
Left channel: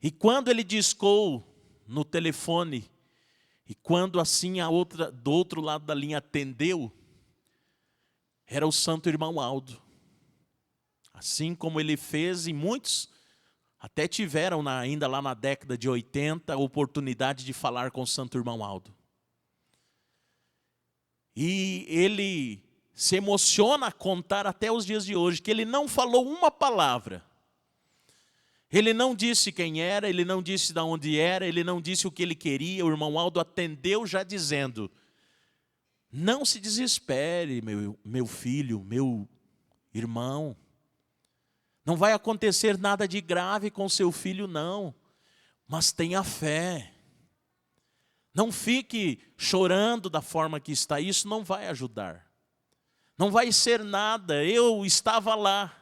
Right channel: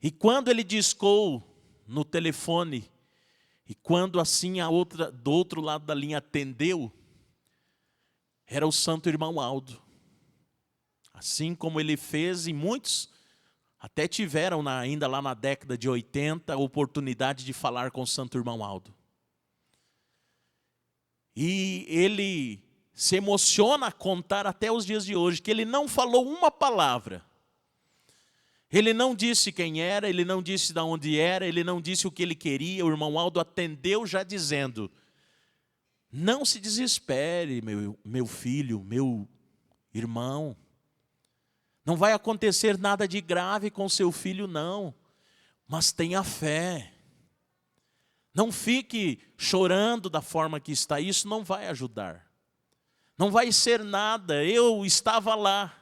E quando ele discou no telefone, e quando assim a outra, do outro lado da linha atendeu, era o santo irmão Aldo. Assim como ele fez, e muitos até tiveram, ainda lá na década de 80, a oportunidade de falar com o santo irmão Aldo. E ele se emociona a contar até os dias de hoje, que ele não falou uma palavra. Ele não disse quem era, ele não disse de onde era, ele não disse o que ele queria. O irmão Aldo atendeu já dizendo, não se desespere, meu filho, meu irmão. Não vai acontecer nada de grave com seu filho, não. Mas tenha fé. Não fique chorando da forma que está, isso não vai ajudar. Não vai ser nada, eu estava lá.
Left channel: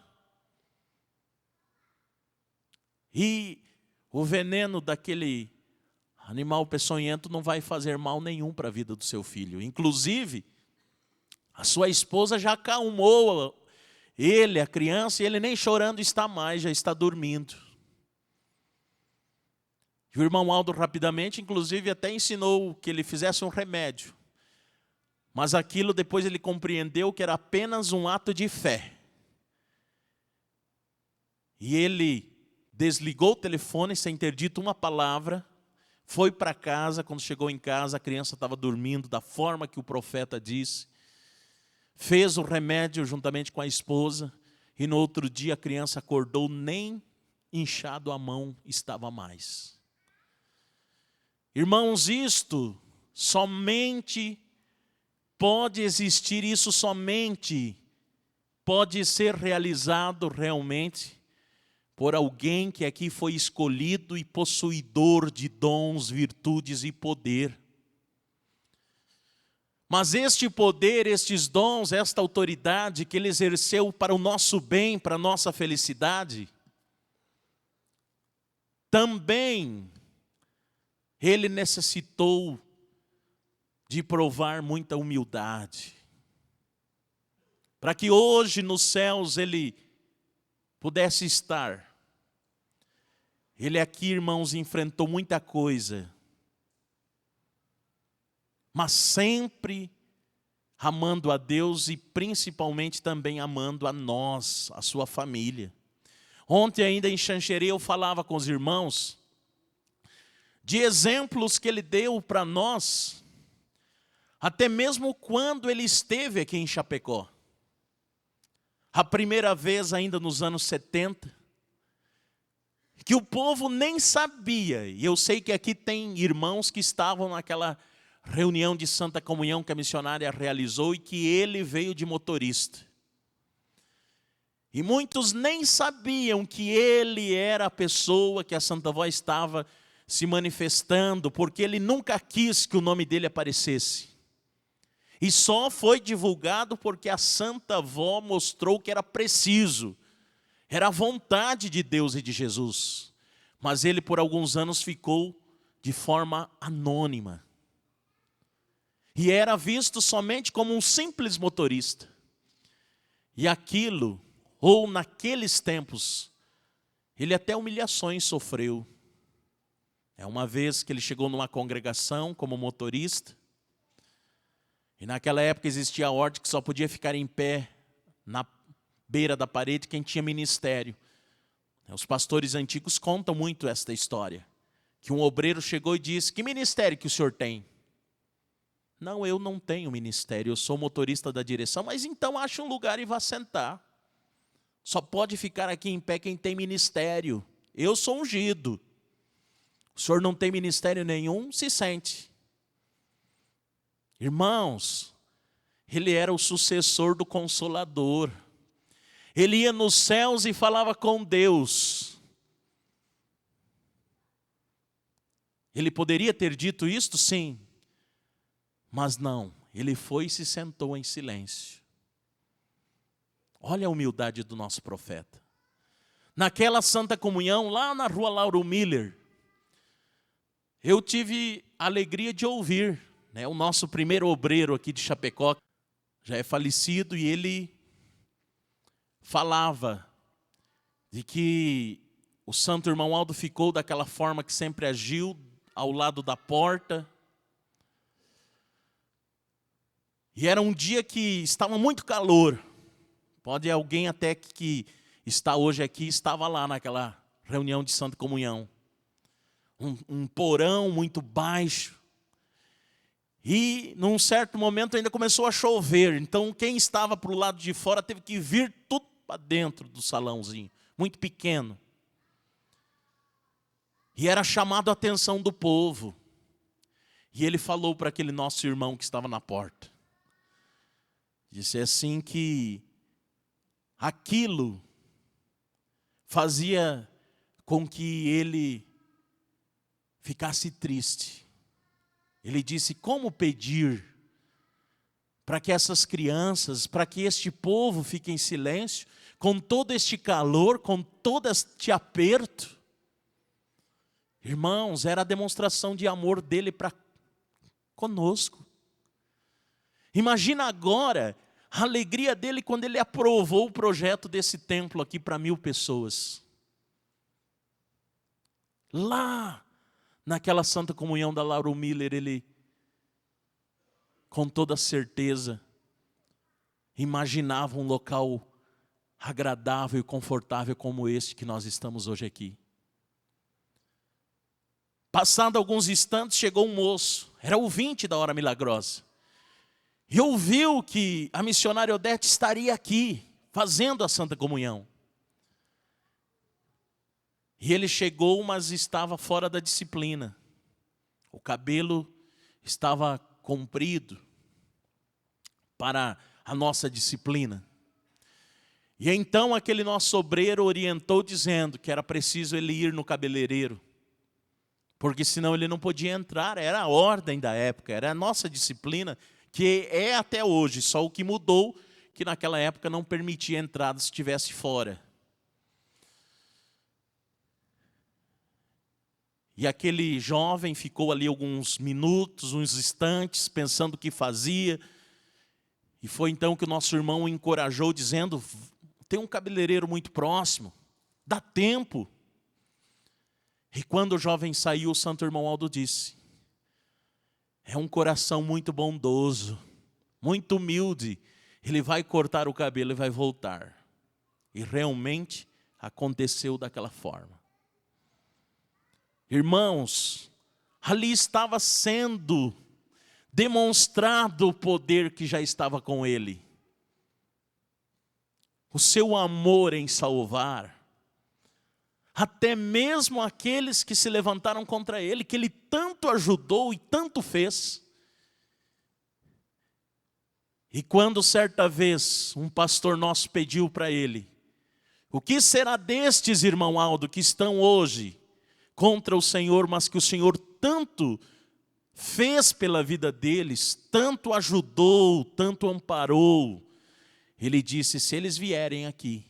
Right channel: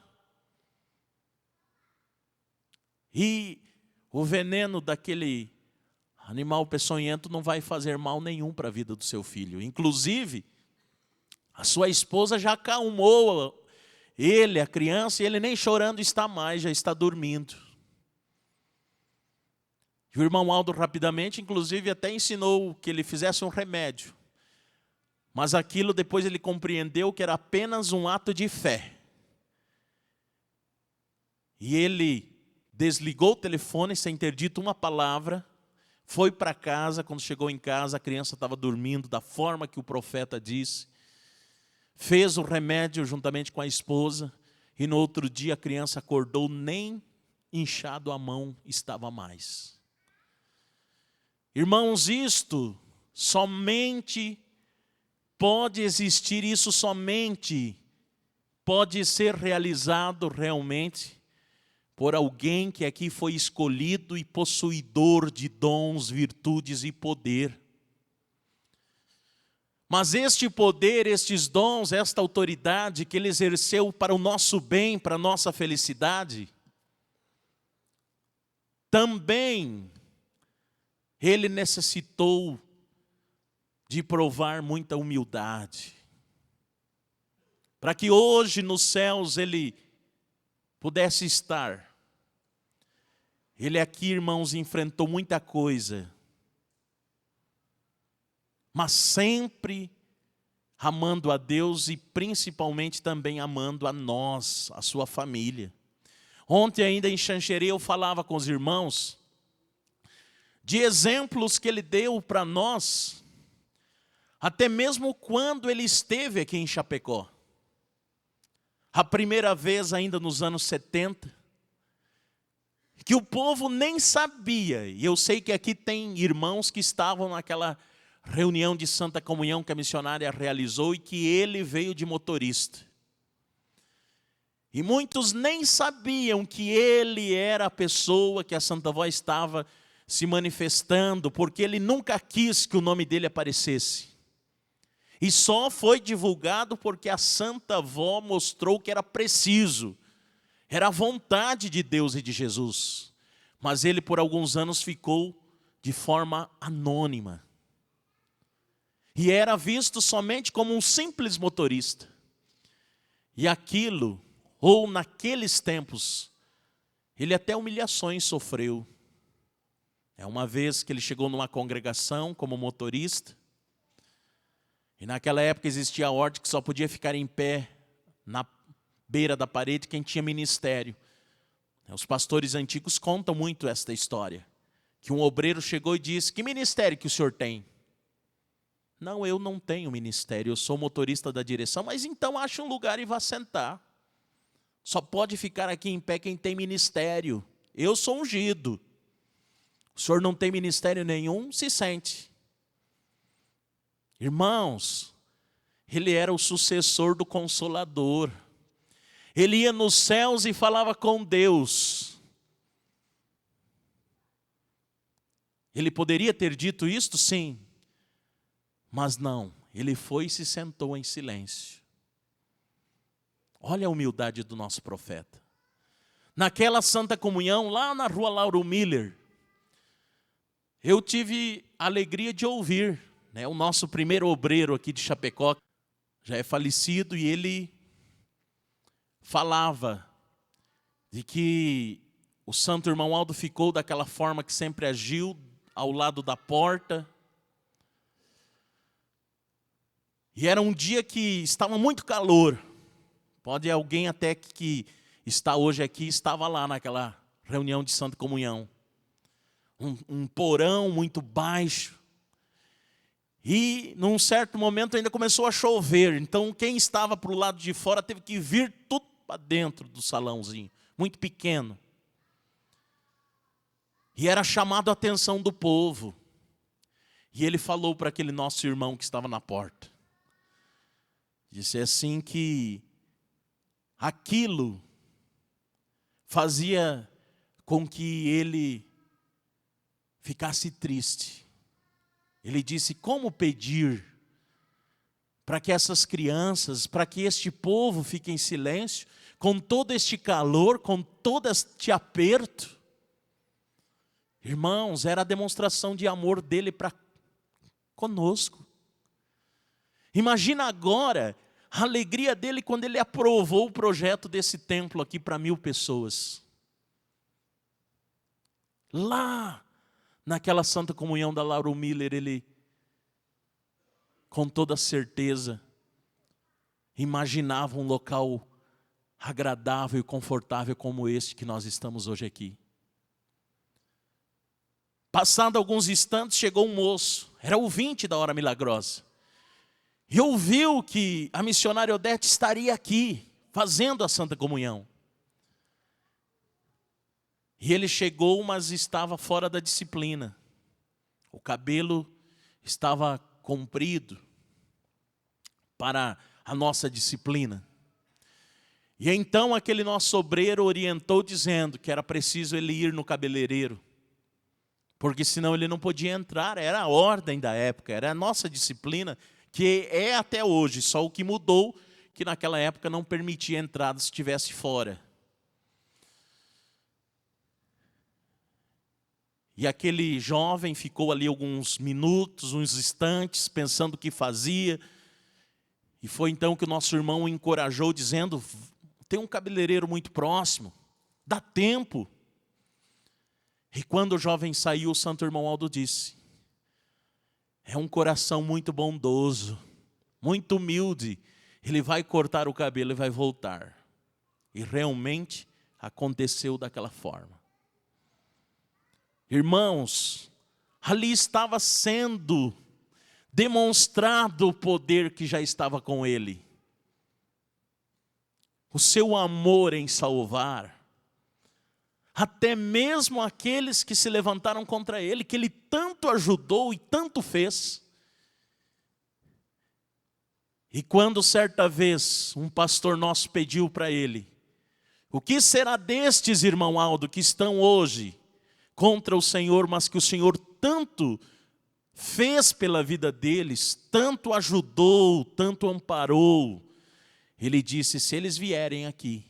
E o veneno daquele animal peçonhento não vai fazer mal nenhum para a vida do seu filho. Inclusive, a sua esposa já acalmou ele, a criança, e ele nem chorando está mais, já está dormindo. E o irmão Aldo rapidamente, inclusive, até ensinou que ele fizesse um remédio. Mas aquilo depois ele compreendeu que era apenas um ato de fé. E ele desligou o telefone sem ter dito uma palavra, foi para casa. Quando chegou em casa, a criança estava dormindo da forma que o profeta disse. Fez o remédio juntamente com a esposa, e no outro dia a criança acordou, nem inchado a mão estava mais. Irmãos, isto somente pode existir, isso somente pode ser realizado realmente por alguém que aqui foi escolhido e possuidor de dons, virtudes e poder. Mas este poder, estes dons, esta autoridade que ele exerceu para o nosso bem, para a nossa felicidade, também ele necessitou de provar muita humildade, para que hoje nos céus ele pudesse estar. Ele aqui, irmãos, enfrentou muita coisa, mas sempre amando a Deus e principalmente também amando a nós, a sua família. Ontem ainda em Xanxerê eu falava com os irmãos de exemplos que ele deu para nós, até mesmo quando ele esteve aqui em Chapecó. A primeira vez ainda nos anos 70, que o povo nem sabia, e eu sei que aqui tem irmãos que estavam naquela reunião de Santa Comunhão que a missionária realizou e que ele veio de motorista. E muitos nem sabiam que ele era a pessoa que a Santa Avó estava se manifestando, porque ele nunca quis que o nome dele aparecesse. E só foi divulgado porque a Santa Avó mostrou que era preciso. Era a vontade de Deus e de Jesus. Mas ele por alguns anos ficou de forma anônima. E era visto somente como um simples motorista. E aquilo, ou naqueles tempos, ele até humilhações sofreu. É uma vez que ele chegou numa congregação como motorista, e naquela época existia a ordem que só podia ficar em pé na beira da parede quem tinha ministério. Os pastores antigos contam muito esta história, que um obreiro chegou e disse: que ministério que o senhor tem? Não, eu não tenho ministério, eu sou motorista da direção. Mas então ache um lugar e vá sentar. Só pode ficar aqui em pé quem tem ministério. Eu sou ungido. O senhor não tem ministério nenhum, se sente. Irmãos, ele era o sucessor do Consolador. Ele ia nos céus e falava com Deus. Ele poderia ter dito isto? Sim. Mas não, ele foi e se sentou em silêncio. Olha a humildade do nosso profeta. Naquela Santa Comunhão, lá na rua Lauro Miller, eu tive a alegria de ouvir, o nosso primeiro obreiro aqui de Chapecó, já é falecido, e ele falava de que o santo irmão Aldo ficou daquela forma que sempre agiu, ao lado da porta. E era um dia que estava muito calor. Pode alguém até que está hoje aqui, estava lá naquela reunião de Santa Comunhão. Um porão muito baixo. E num certo momento ainda começou a chover. Então quem estava para o lado de fora teve que vir tudo para dentro do salãozinho, muito pequeno. E era chamado a atenção do povo. E ele falou para aquele nosso irmão que estava na porta. Disse assim que aquilo fazia com que ele ficasse triste. Ele disse: como pedir para que essas crianças, para que este povo fique em silêncio, com todo este calor, com todo este aperto? Irmãos, era a demonstração de amor dele para conosco. Imagina agora a alegria dele quando ele aprovou o projeto desse templo aqui para 1000 pessoas. Lá, naquela Santa Comunhão da Lauro Miller, ele, com toda certeza, imaginava um local agradável e confortável como este que nós estamos hoje aqui. Passado alguns instantes, chegou um moço, era ouvinte da Hora Milagrosa, e ouviu que a missionária Odete estaria aqui, fazendo a Santa Comunhão. E ele chegou, mas estava fora da disciplina. O cabelo estava comprido para a nossa disciplina. E então aquele nosso obreiro orientou dizendo que era preciso ele ir no cabeleireiro, porque senão ele não podia entrar, era a ordem da época, era a nossa disciplina, que é até hoje, só o que mudou, que naquela época não permitia entrada se estivesse fora. E aquele jovem ficou ali alguns minutos, uns instantes, pensando o que fazia. E foi então que o nosso irmão o encorajou, dizendo, tem um cabeleireiro muito próximo, dá tempo. E quando o jovem saiu, o santo irmão Aldo disse, é um coração muito bondoso, muito humilde, ele vai cortar o cabelo e vai voltar. E realmente aconteceu daquela forma. Irmãos, ali estava sendo demonstrado o poder que já estava com ele. O seu amor em salvar. Até mesmo aqueles que se levantaram contra ele, que ele tanto ajudou e tanto fez. E quando certa vez um pastor nosso pediu para ele, o que será destes, irmão Aldo, que estão hoje contra o Senhor, mas que o Senhor tanto fez pela vida deles, tanto ajudou, tanto amparou. Ele disse, se eles vierem aqui,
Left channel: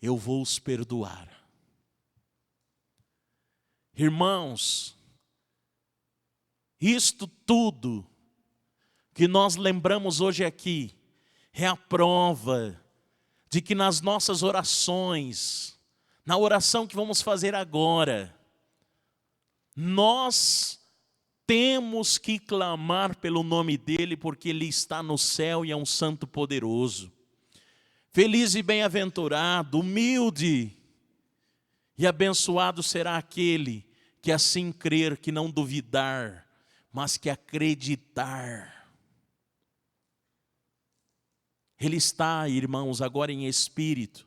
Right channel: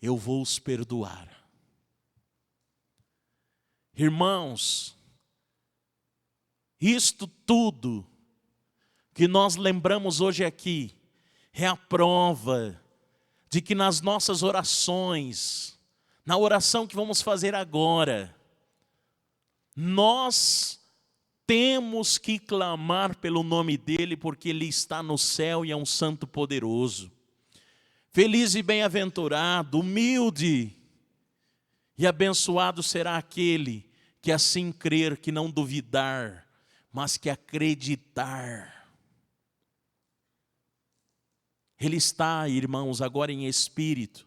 eu vou os perdoar. Irmãos, isto tudo que nós lembramos hoje aqui, é a prova de que nas nossas orações, na oração que vamos fazer agora, nós temos que clamar pelo nome dele, porque ele está no céu e é um santo poderoso. Feliz e bem-aventurado, humilde e abençoado será aquele que assim crer, que não duvidar, mas que acreditar. Ele está, irmãos, agora em espírito,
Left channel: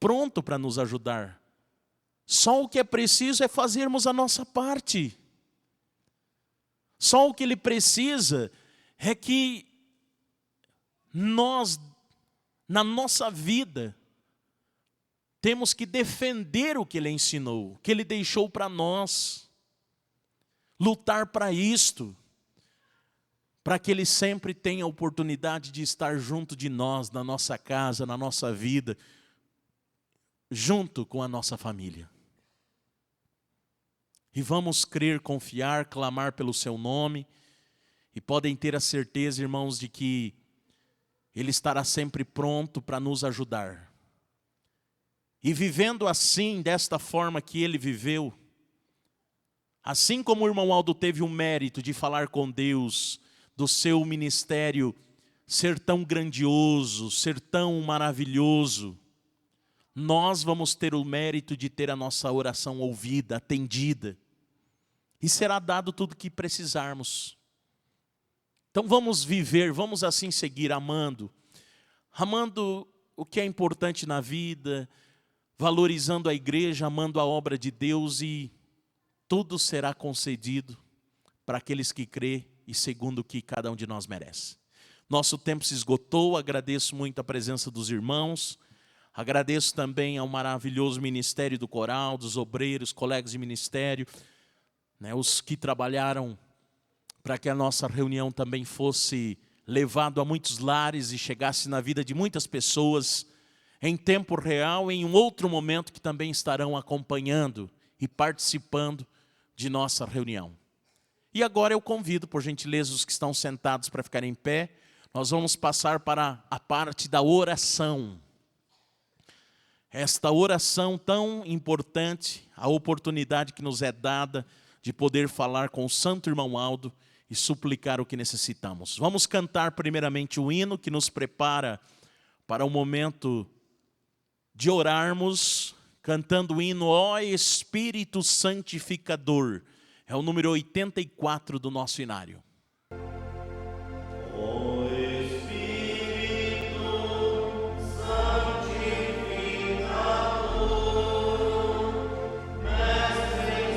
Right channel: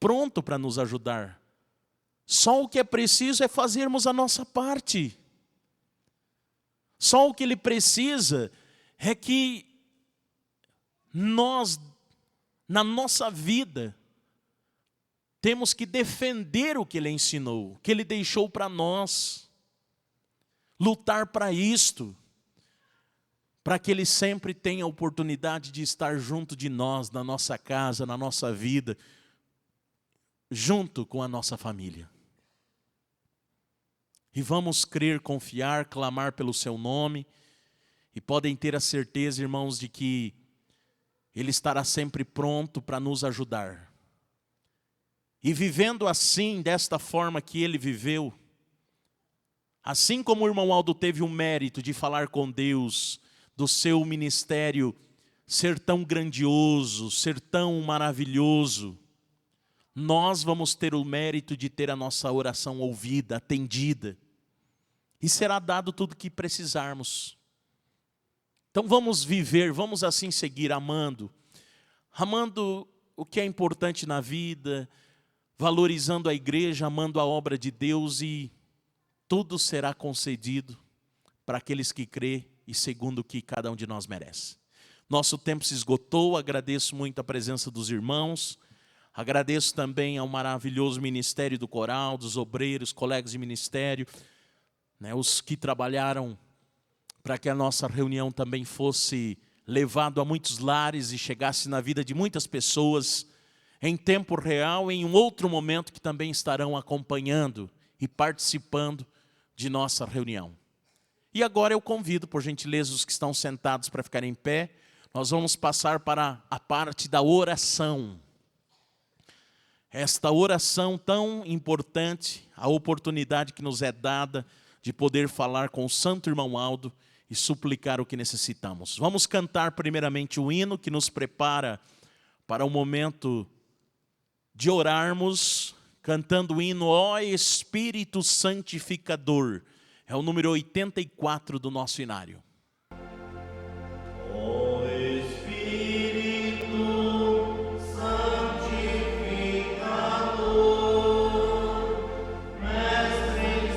pronto para nos ajudar. Só o que é preciso é fazermos a nossa parte. Só o que ele precisa é que nós, na nossa vida, temos que defender o que ele ensinou, o que ele deixou para nós. Lutar para isto, para que ele sempre tenha a oportunidade de estar junto de nós, na nossa casa, na nossa vida, junto com a nossa família. E vamos crer, confiar, clamar pelo seu nome, e podem ter a certeza, irmãos, de que ele estará sempre pronto para nos ajudar. E vivendo assim, desta forma que ele viveu, assim como o irmão Aldo teve o mérito de falar com Deus, do seu ministério ser tão grandioso, ser tão maravilhoso, nós vamos ter o mérito de ter a nossa oração ouvida, atendida, e será dado tudo o que precisarmos. Então vamos viver, vamos assim seguir amando o que é importante na vida, valorizando a igreja, amando a obra de Deus, e tudo será concedido para aqueles que crêem e segundo o que cada um de nós merece. Nosso tempo se esgotou, agradeço muito a presença dos irmãos, agradeço também ao maravilhoso ministério do coral, dos obreiros, colegas de ministério, os que trabalharam para que a nossa reunião também fosse levado a muitos lares e chegasse na vida de muitas pessoas em tempo real, em um outro momento que também estarão acompanhando e participando de nossa reunião. E agora eu convido, por gentileza, os que estão sentados para ficarem em pé. Nós vamos passar para a parte da oração. Esta oração tão importante, a oportunidade que nos é dada de poder falar com o santo irmão Aldo e suplicar o que necessitamos. Vamos cantar primeiramente o hino que nos prepara para o momento de orarmos, cantando o hino Ó Espírito Santificador. É o número 84 do nosso inário. Ó Espírito Santificador, Mestre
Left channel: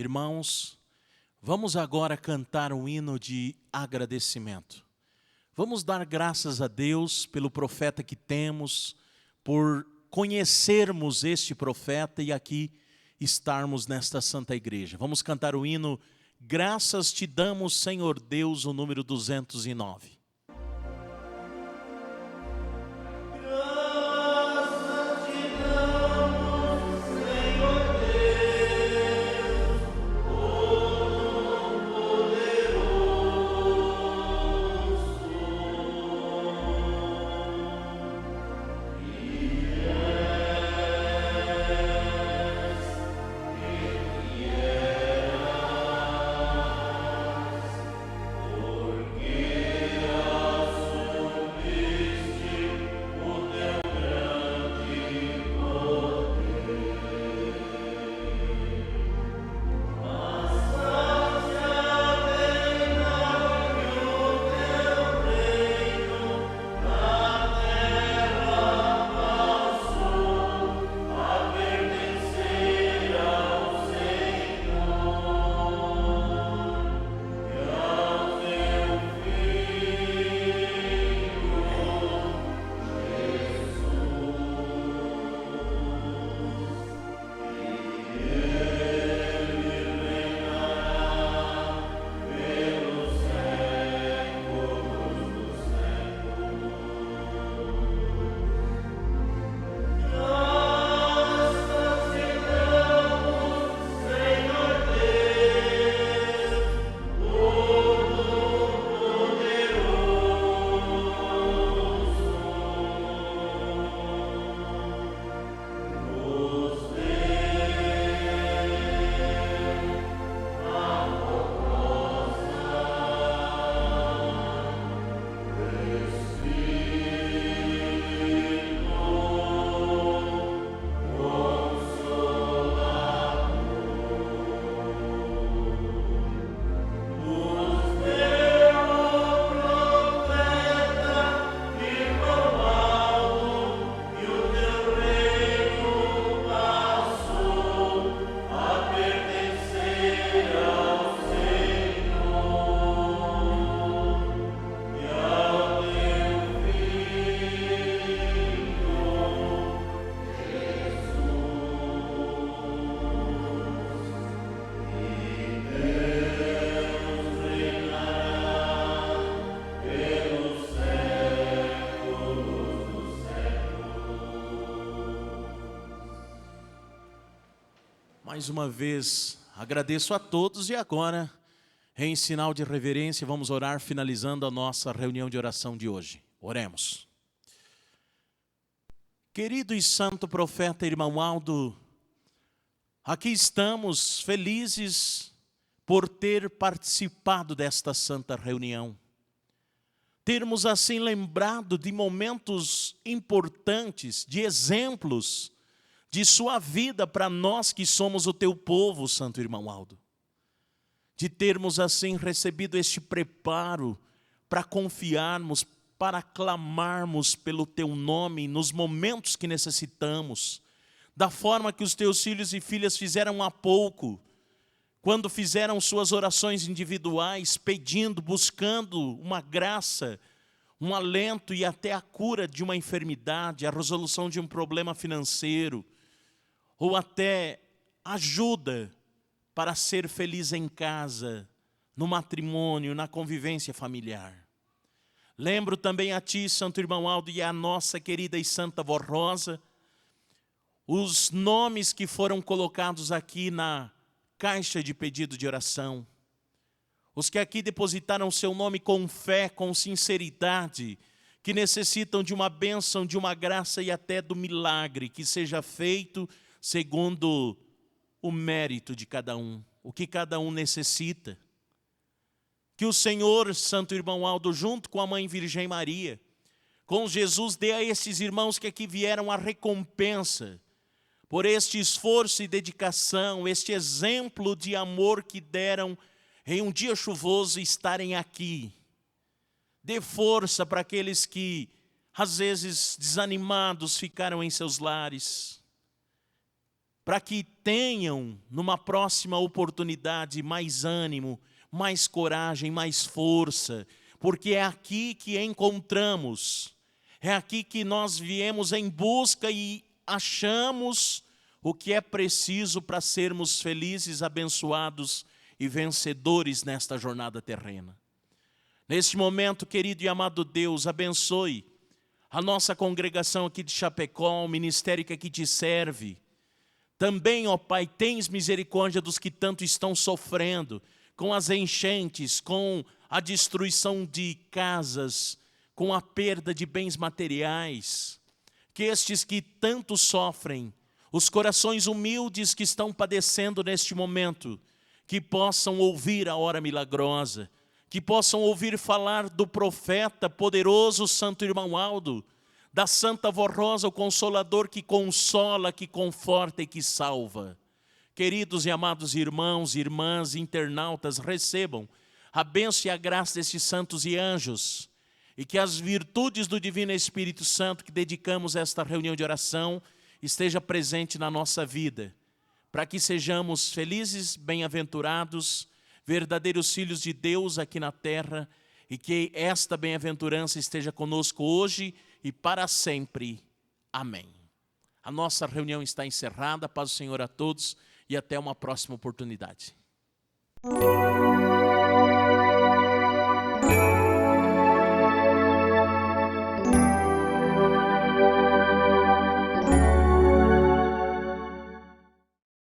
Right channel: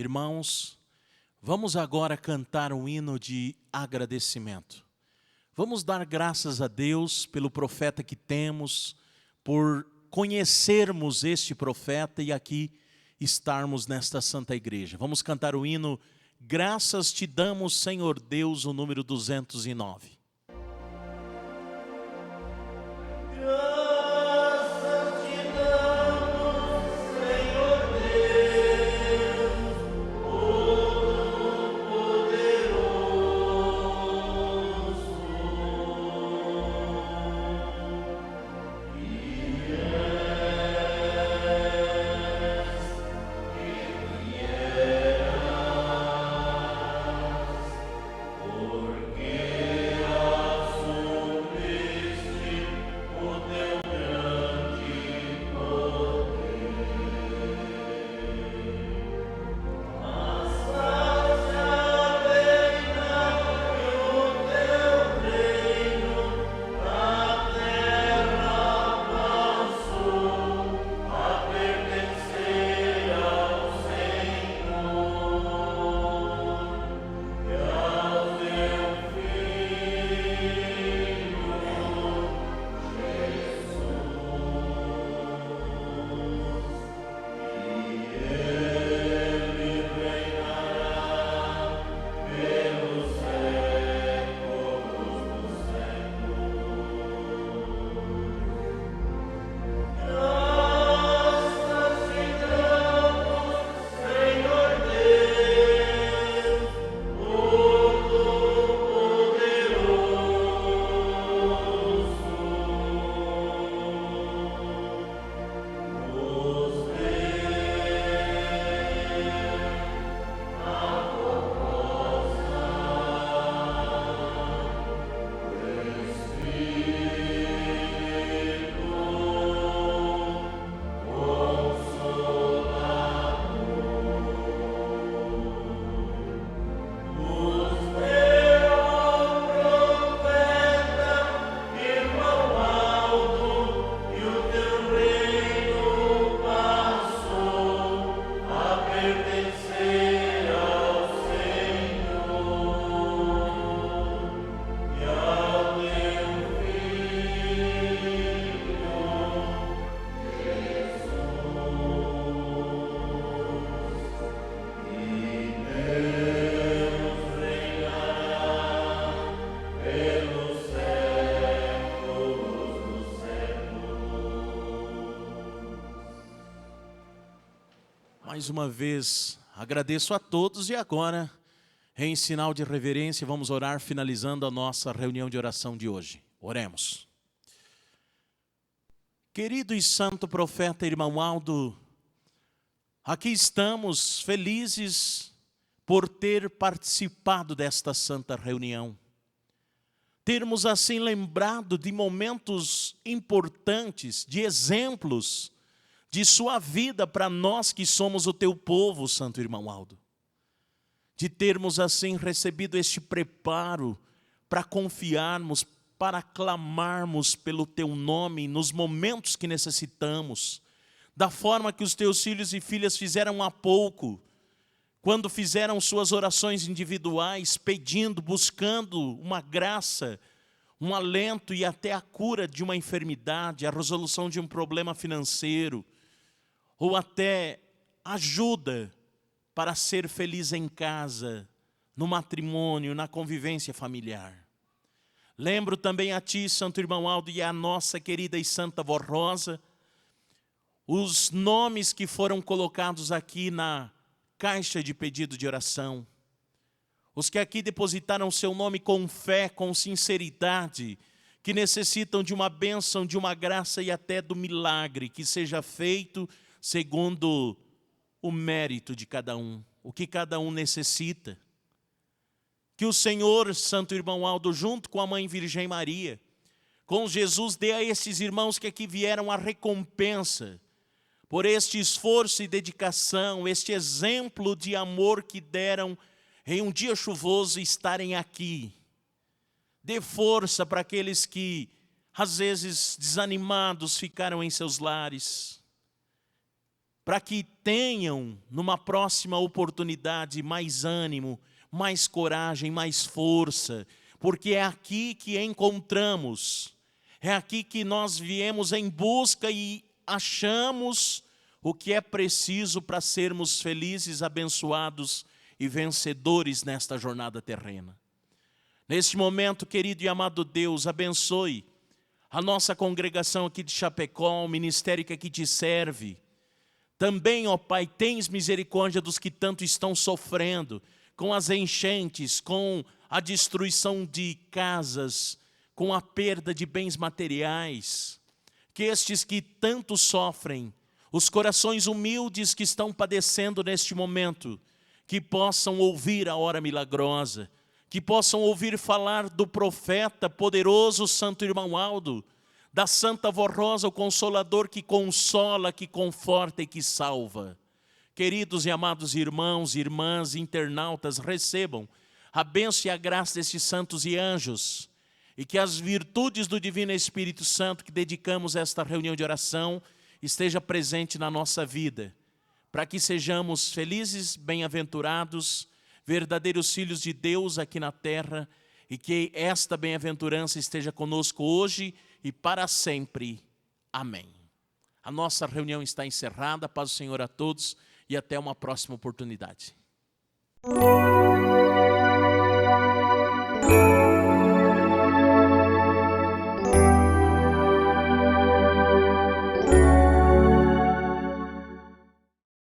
Irmãos, vamos agora cantar um hino de agradecimento. Vamos dar graças a Deus pelo profeta que temos, por conhecermos este profeta e aqui estarmos nesta santa igreja. Vamos cantar o hino Graças te damos, Senhor Deus, o número 209. Mais uma vez, agradeço a todos e agora, em sinal de reverência, vamos orar finalizando a nossa reunião de oração de hoje. Oremos. Querido e santo profeta irmão Aldo, aqui estamos felizes por ter participado desta santa reunião. Termos assim lembrado de momentos importantes, de exemplos de sua vida para nós que somos o teu povo, santo irmão Aldo. De termos assim recebido este preparo para confiarmos, para clamarmos pelo teu nome nos momentos que necessitamos, da forma que os teus filhos e filhas fizeram há pouco, quando fizeram suas orações individuais, pedindo, buscando uma graça, um alento e até a cura de uma enfermidade, a resolução de um problema financeiro, ou até ajuda para ser feliz em casa, no matrimônio, na convivência familiar. Lembro também a ti, santo irmão Aldo, e a nossa querida e santa avó Rosa, os nomes que foram colocados aqui na caixa de pedido de oração. Os que aqui depositaram seu nome com fé, com sinceridade, que necessitam de uma bênção, de uma graça e até do milagre, que seja feito segundo o mérito de cada um, o que cada um necessita. Que o Senhor, santo irmão Aldo, junto com a mãe Virgem Maria, com Jesus, dê a esses irmãos que aqui vieram a recompensa por este esforço e dedicação, este exemplo de amor que deram em um dia chuvoso estarem aqui. Dê força para aqueles que, às vezes, desanimados, ficaram em seus lares, para que tenham, numa próxima oportunidade, mais ânimo, mais coragem, mais força, porque é aqui que encontramos, é aqui que nós viemos em busca e achamos o que é preciso para sermos felizes, abençoados e vencedores nesta jornada terrena. Neste momento, querido e amado Deus, abençoe a nossa congregação aqui de Chapecó, o ministério que aqui te serve. Também, ó Pai, tens misericórdia dos que tanto estão sofrendo com as enchentes, com a destruição de casas, com a perda de bens materiais. Que estes que tanto sofrem, os corações humildes que estão padecendo neste momento, que possam ouvir a hora milagrosa, que possam ouvir falar do profeta poderoso Santo Irmão Aldo, da Santa Avó Rosa, o Consolador que consola, que conforta e que salva. Queridos e amados irmãos, irmãs, internautas, recebam a bênção e a graça destes santos e anjos, e que as virtudes do Divino Espírito Santo que dedicamos a esta reunião de oração esteja presente na nossa vida, para que sejamos felizes, bem-aventurados, verdadeiros filhos de Deus aqui na terra, e que esta bem-aventurança esteja conosco hoje e para sempre. Amém. A nossa reunião está encerrada. Paz do Senhor a todos e até uma próxima oportunidade.